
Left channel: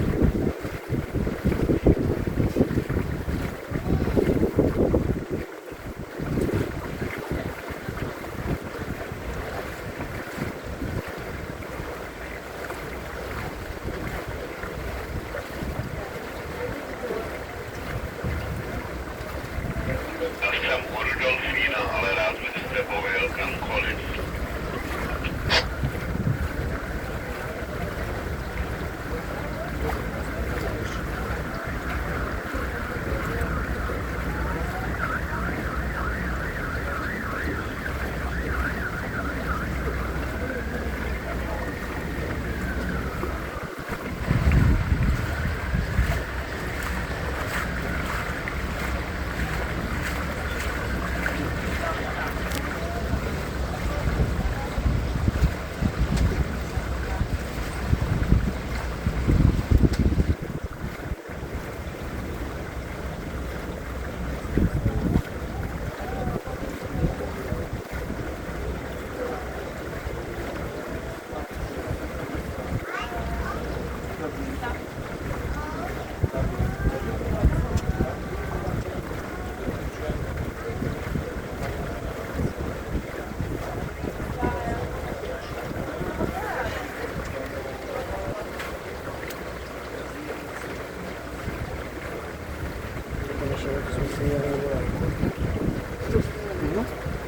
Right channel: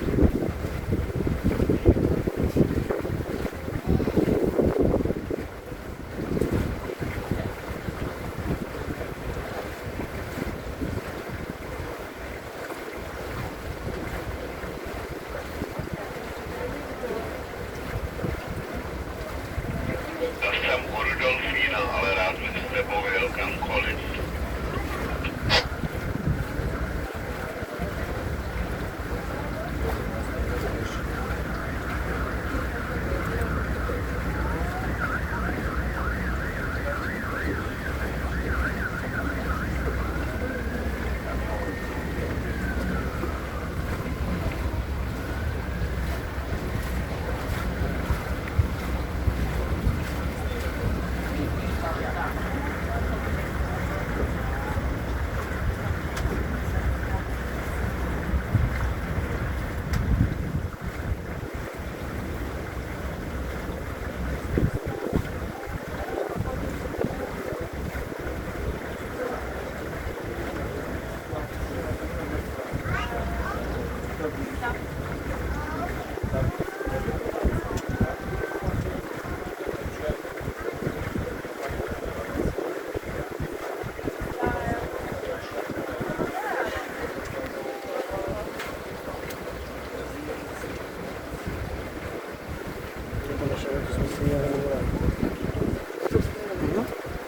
to naše, to jsme si měli udělat.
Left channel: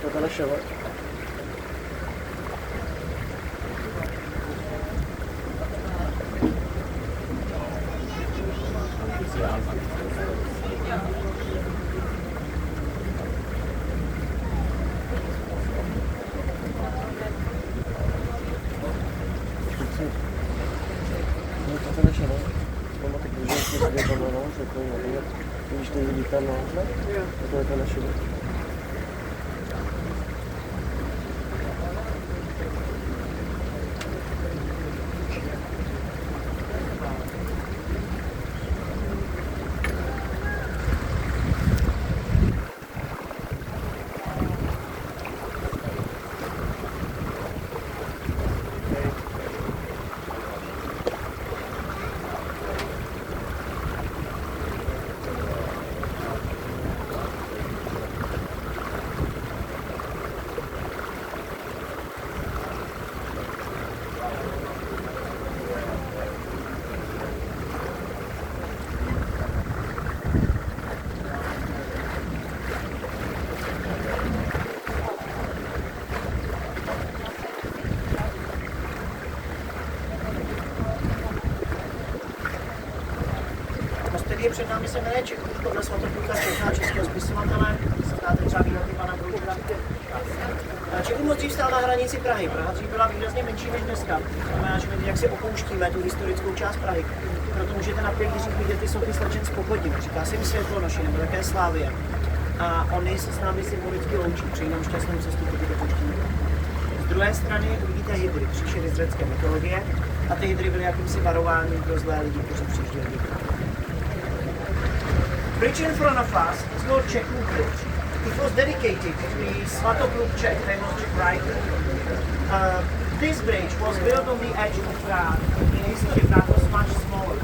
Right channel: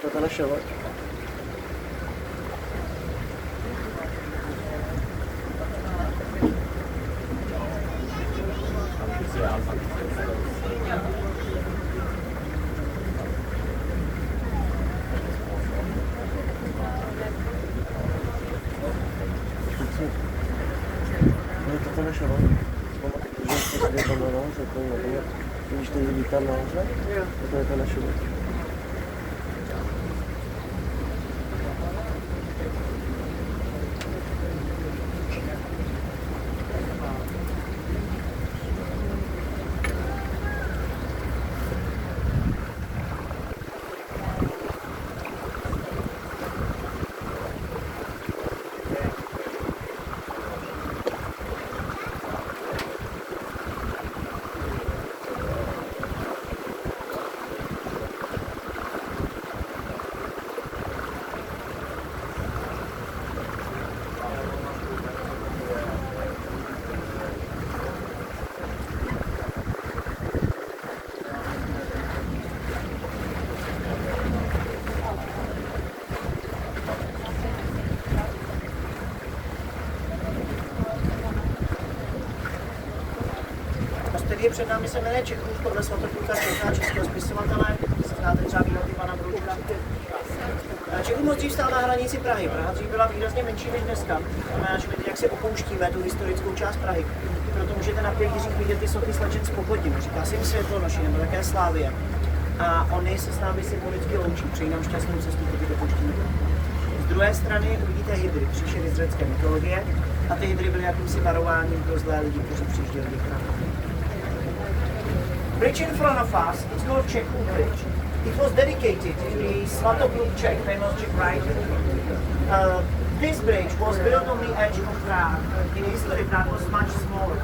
To je ta naše, ale. To je naše, ale. Mama tak může si sedět tam nahoře, to je nevím, když ty lidi tam nahoře, to je to naše. Který je před námi, se jmenuje Čechův, podle Svatopluka Čechá, českého spisovatele, znáte třeba výroky pana Můžu. Čechův moc dřív stál na hranici Prahy. Praha dřív byla výrazně menší než dneska. Znamená, že my jak si opouštíme tu historickou část Prahy. Proto můžete na pilířích vidět ty sochy slečen z Pochodí. Říká se jim Světlonoši nebo také Slávie. A oni se s námi symbolicky loučí, přejí nám šťastnou cestu proti depuštění. Z druhé strany vidíte hydry, příšery z řecké mytologie. A ty hydry byly jakýmsi varováním pro zlé lidi, kteří přijížděli do Prahy. Bridge in front of us is called Čechův Bridge. It was dedicated to the Svatopluk Czech, famous Czech writer. This bridge was built on the edge of Prague. In history, Prague was much smaller.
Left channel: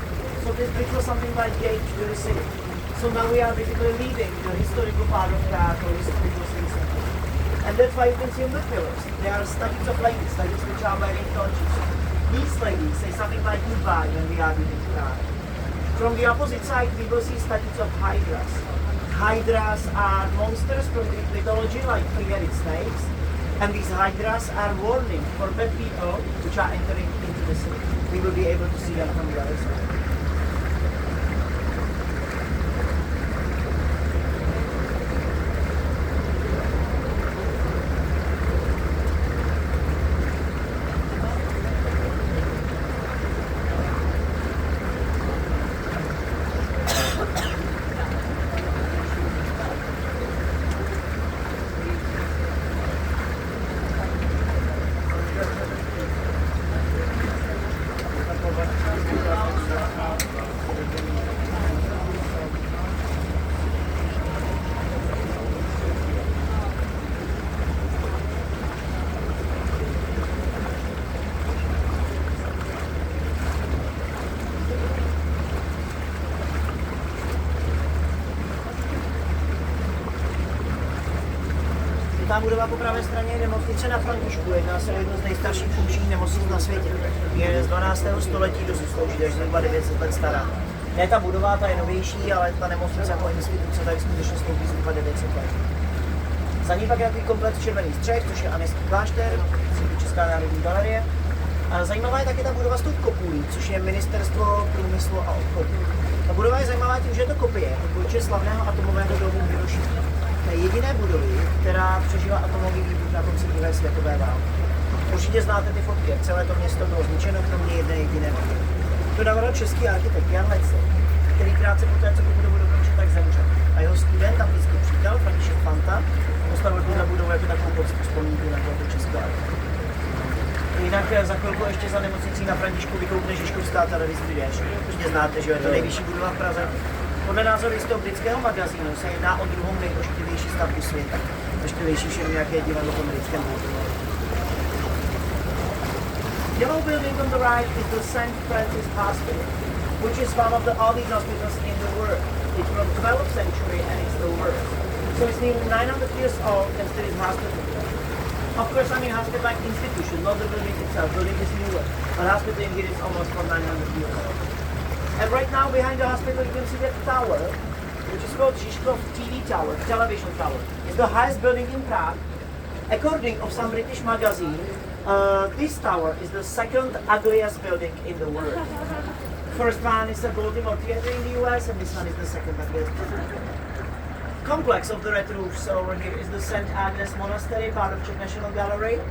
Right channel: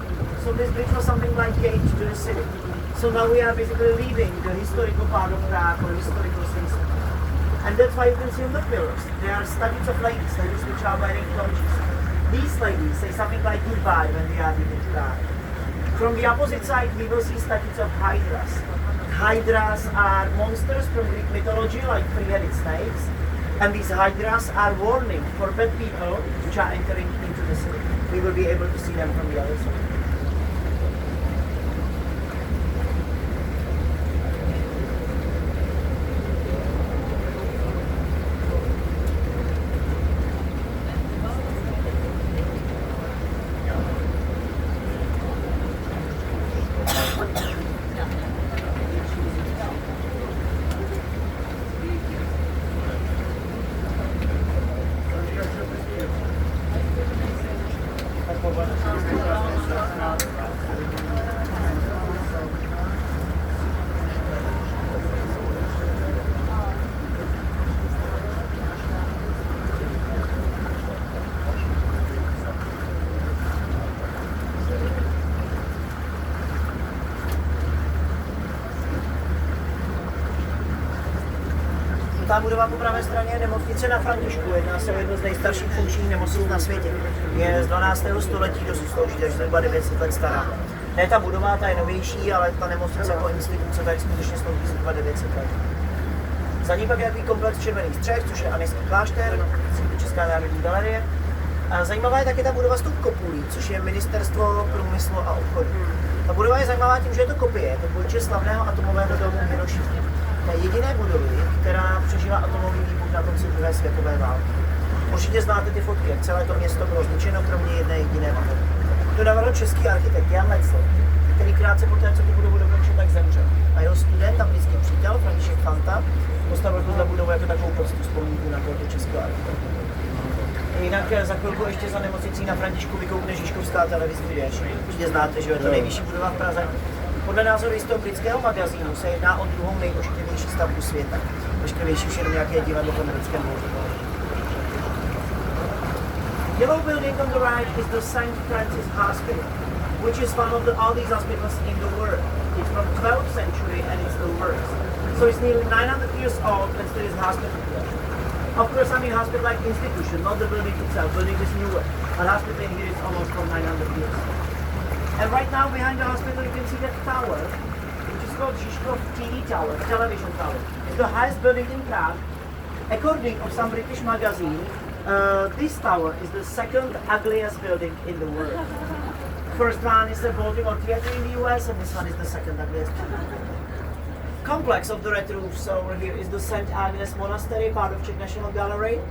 So this bridge was something like gate to the city. So now we are basically leaving the historical part of Prague, or historical city. And that's why you can see on the pillars, there are statues of ladies which are wearing torches. These ladies say something like goodbye when we are leaving Prague. From the opposite side, we will see statues of hydras. Hydras are monsters from Greek mythology, like three-headed snakes. And these hydras are warning for bad people which are entering into the city. We will be able to see them from the other side. Ta budova po pravé straně je nemocnice na Františku, jedná se o jednu z nejstarších funkčních nemocnic na světě. Je z 12. století, dosud slouží, takže zhruba 900 let stará. Ne ta budova, ta je novější, ale ta nemocnice jako instituce tady skutečně slouží zhruba 900 let. Za ní pak je takový komplex červených střech, což je Aneský klášter, Česká národní galerie. A zajímavá je také ta budova s tou kopulí, což je Ministerstvo průmyslu a obchodu. Ta budova je zajímavá tím, že je to kopie, je to půjče slavného atomového domu v Hirošimě. Jediné budovy, která přežila atomový výbuch na konci druhé světové války. Určitě znáte ty fotky, jak celé to město bylo zničeno, kromě jedné jediné budovy. To dával český architekt Jan Lecl, který krátce poté, co tu budovu dokončil, tak zemřel. A jeho student, tam blízký přítel, František Fanta, postavil tuhle budovu jako takovou poctu vzpomínku na tohoto českého architekta. Jinak za chvilku ještě za nemocnicí na Františku vykoukne Žižkovská televizní věž. Určitě znáte, že je to nejvyšší budova v Praze. Podle názoru jistého britského magazínu se jedná o druhou nejošklivější stavbu světa. Ošklivější už jenom nějaké divadlo v britském hospodářství. Yellow building on the right is the St. Francis Hospital, which is one of the oldest hospitals in the world. It's from 12th century and it's the worst. So it's nearly 900 years old and still is hospital today. Of course, I mean hospital like institution, not the building itself. Building is newer, but hospital in here is almost from 900 years old. And right now behind the hospital you can see that tower, which is called Žižkov TV Tower, television tower. It's the highest building in Prague. According of some British magazine, this tower is the second ugliest building in the world. First one is the Baltimore Theater in the US, and this one is the second ugliest building. Complex of the red roofs over here is the St. Agnes Monastery, part of Czech National Gallery.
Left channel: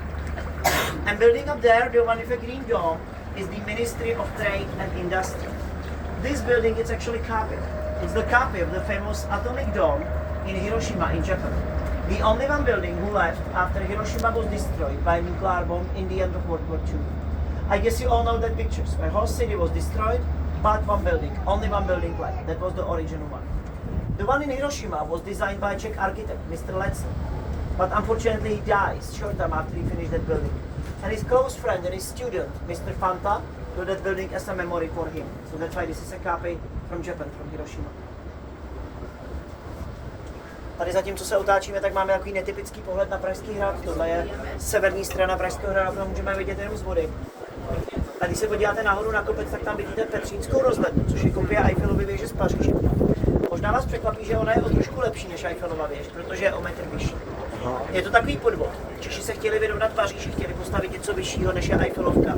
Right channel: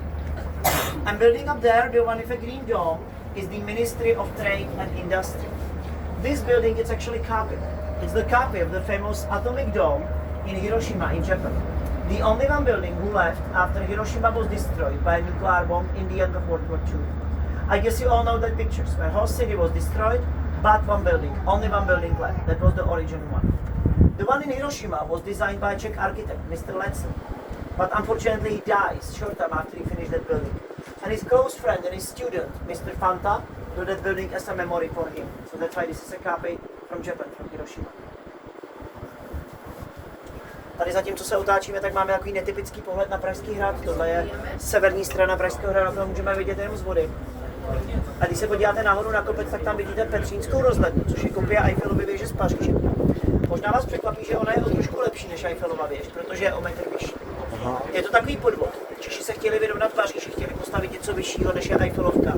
And building up there, the one with a green dome, is the Ministry of Trade and Industry. This building is actually copy. It's the copy of the famous atomic dome in Hiroshima in Japan. The only one building who left after Hiroshima was destroyed by a nuclear bomb in the end of World War II. I guess you all know the pictures where whole city was destroyed, but one building, only one building left. That was the original one. The one in Hiroshima was designed by a Czech architect, Mr. Letzel. But unfortunately he dies short time after he finished that building. And his close friend and his student, Mr. Fanta, built that building as a memory for him. So that's why this is a copy from Japan, from Hiroshima. Tady zatím, co se otáčíme, tak máme takový netypický pohled na Pražský hrad. Tohle je severní strana Pražského hradu, to můžeme vidět jenom z vody. A když se podíváte nahoru na kopec, tak tam vidíte Petřínskou rozhlednu, což je kopie Eiffelovy věže z Paříže. Možná vás překvapí, že ona je o trošku lepší než Eiffelova věž, protože je o metr vyšší. Je to takový podvod. Češi se chtěli vyrovnat Paříži, chtěli postavit něco vyššího než je Eiffelovka.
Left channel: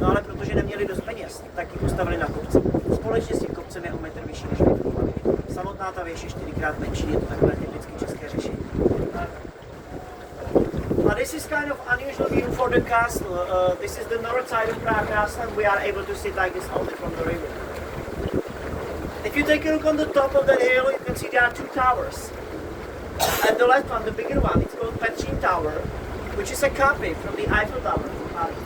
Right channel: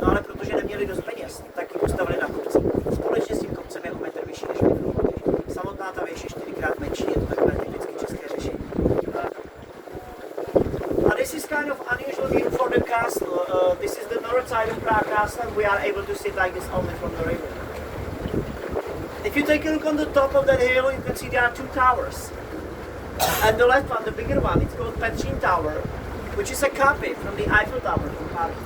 No ale protože neměli dost peněz, tak ji postavili na kopci. Společně s tím kopcem je o metr vyšší než Eiffelova věž. Samotná ta věž je 4krát menší, je to takové typické české řešení. This is kind of unusual view for the castle. This is the north side of Prague Castle, and we are able to see like this only from the river. If you take a look on the top of the hill, you can see there are two towers. And the left one, the bigger one, it's called Petřín Tower, which is a copy from the Eiffel Tower from Paris.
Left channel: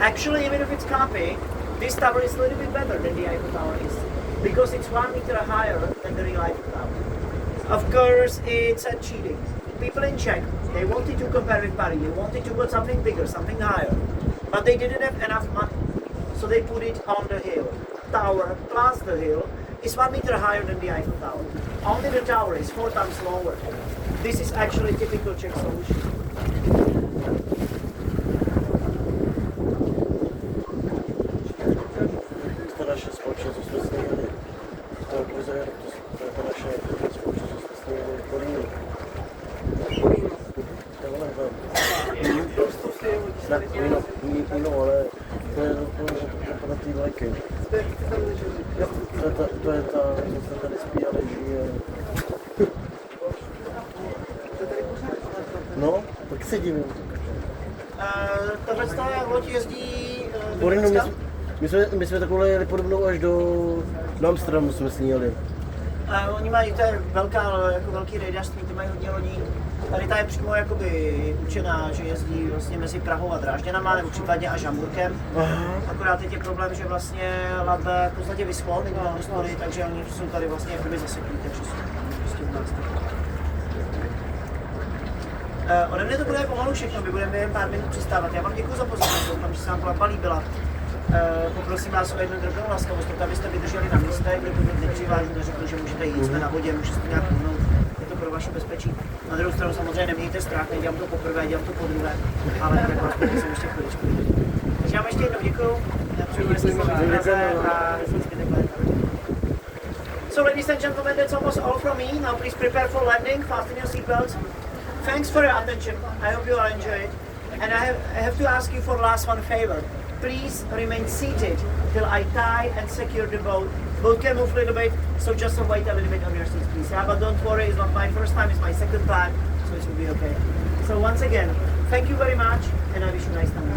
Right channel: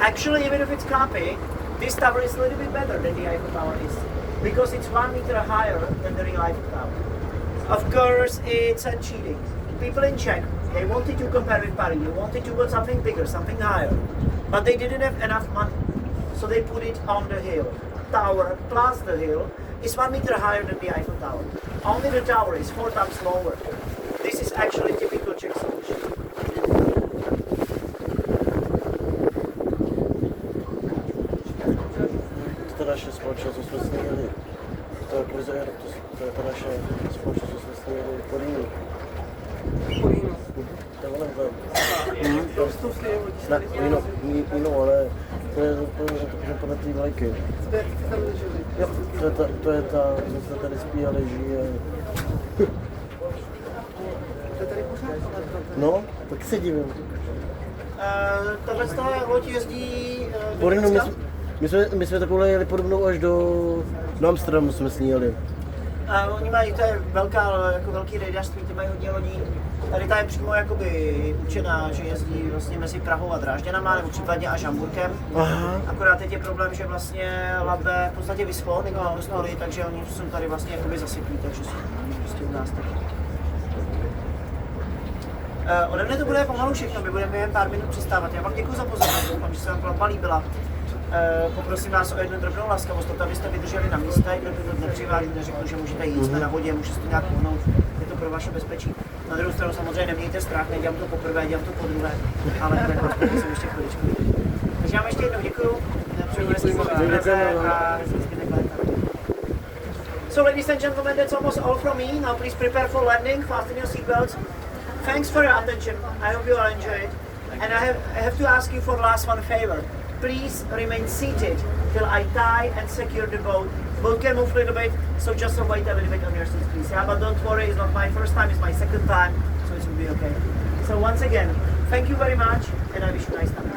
Actually, even if it's copy, this tower is a little bit better than the Eiffel Tower is, because it's 1 meter higher than the real Eiffel Tower. Of course, it's a cheating. People in Czech, they wanted to compare with Paris, they wanted to build something bigger, something higher, but they didn't have enough money, so they put it on the hill. Tower plus the hill is 1 meter higher than the Eiffel Tower. Only the tower is 4 times lower. This is actually typical Czech solution. To naše společnost, co jsme snědli. To je Kozer, to je ta naše společnost, co jsme snědli Torino. To je ono, no, ale to je to na té vlajky. To je ta, co se tady spí a leží. No, tak se divím. Tahle loď jezdí My jsme takhle jeli podobnou až do Amsterdamu, jsme s ní jeli. Oni mají, to je jako velký rejdařství, ty mají hodně lodí. Tady ta je přímo jakoby učená, že jezdí vlastně mezi Prahou a Drážďanama, nebo případně až Hamburkem. Aha. Akorát teď je problém, že vlastně Labe v podstatě vyschlo, teď mám hostory, takže oni jsou tady vlastně jakoby zaseklí, takže jsou prostě u nás tady. Ode mne to bude pomalu všechno, my budeme jen pár minut přistávat. Já vám děkuji za pozornost, doufám, že se vám plavba líbila. Poprosím vás o jednu drobnou laskavost, abyste vydrželi na místě, kde budu nepřivážu, neřeknu, že můžete jít, jsme na vodě, můžete to nějak pohnout, je to pro vaše bezpečí. Na druhou stranu samozřejmě nemějte strach, nedělám to poprvé, dělám to podruhé, ale jak vás poprosím ještě chviličku. Takže já vám ještě jednou děkuju. So ladies and gentlemen, that's almost all from me. Now please prepare for landing, fasten your seatbelts. Thanks for your attention, I hope you all enjoyed it. And I have to ask you for the last one favor. Please remain seated till I tie and secure the boat. Boat can move a little bit, so just wait a little bit on your seats, please. Yeah, but don't worry, it's not my first time, it's my second time, so it will be okay. So once again, thank you very much, and I wish you a nice time.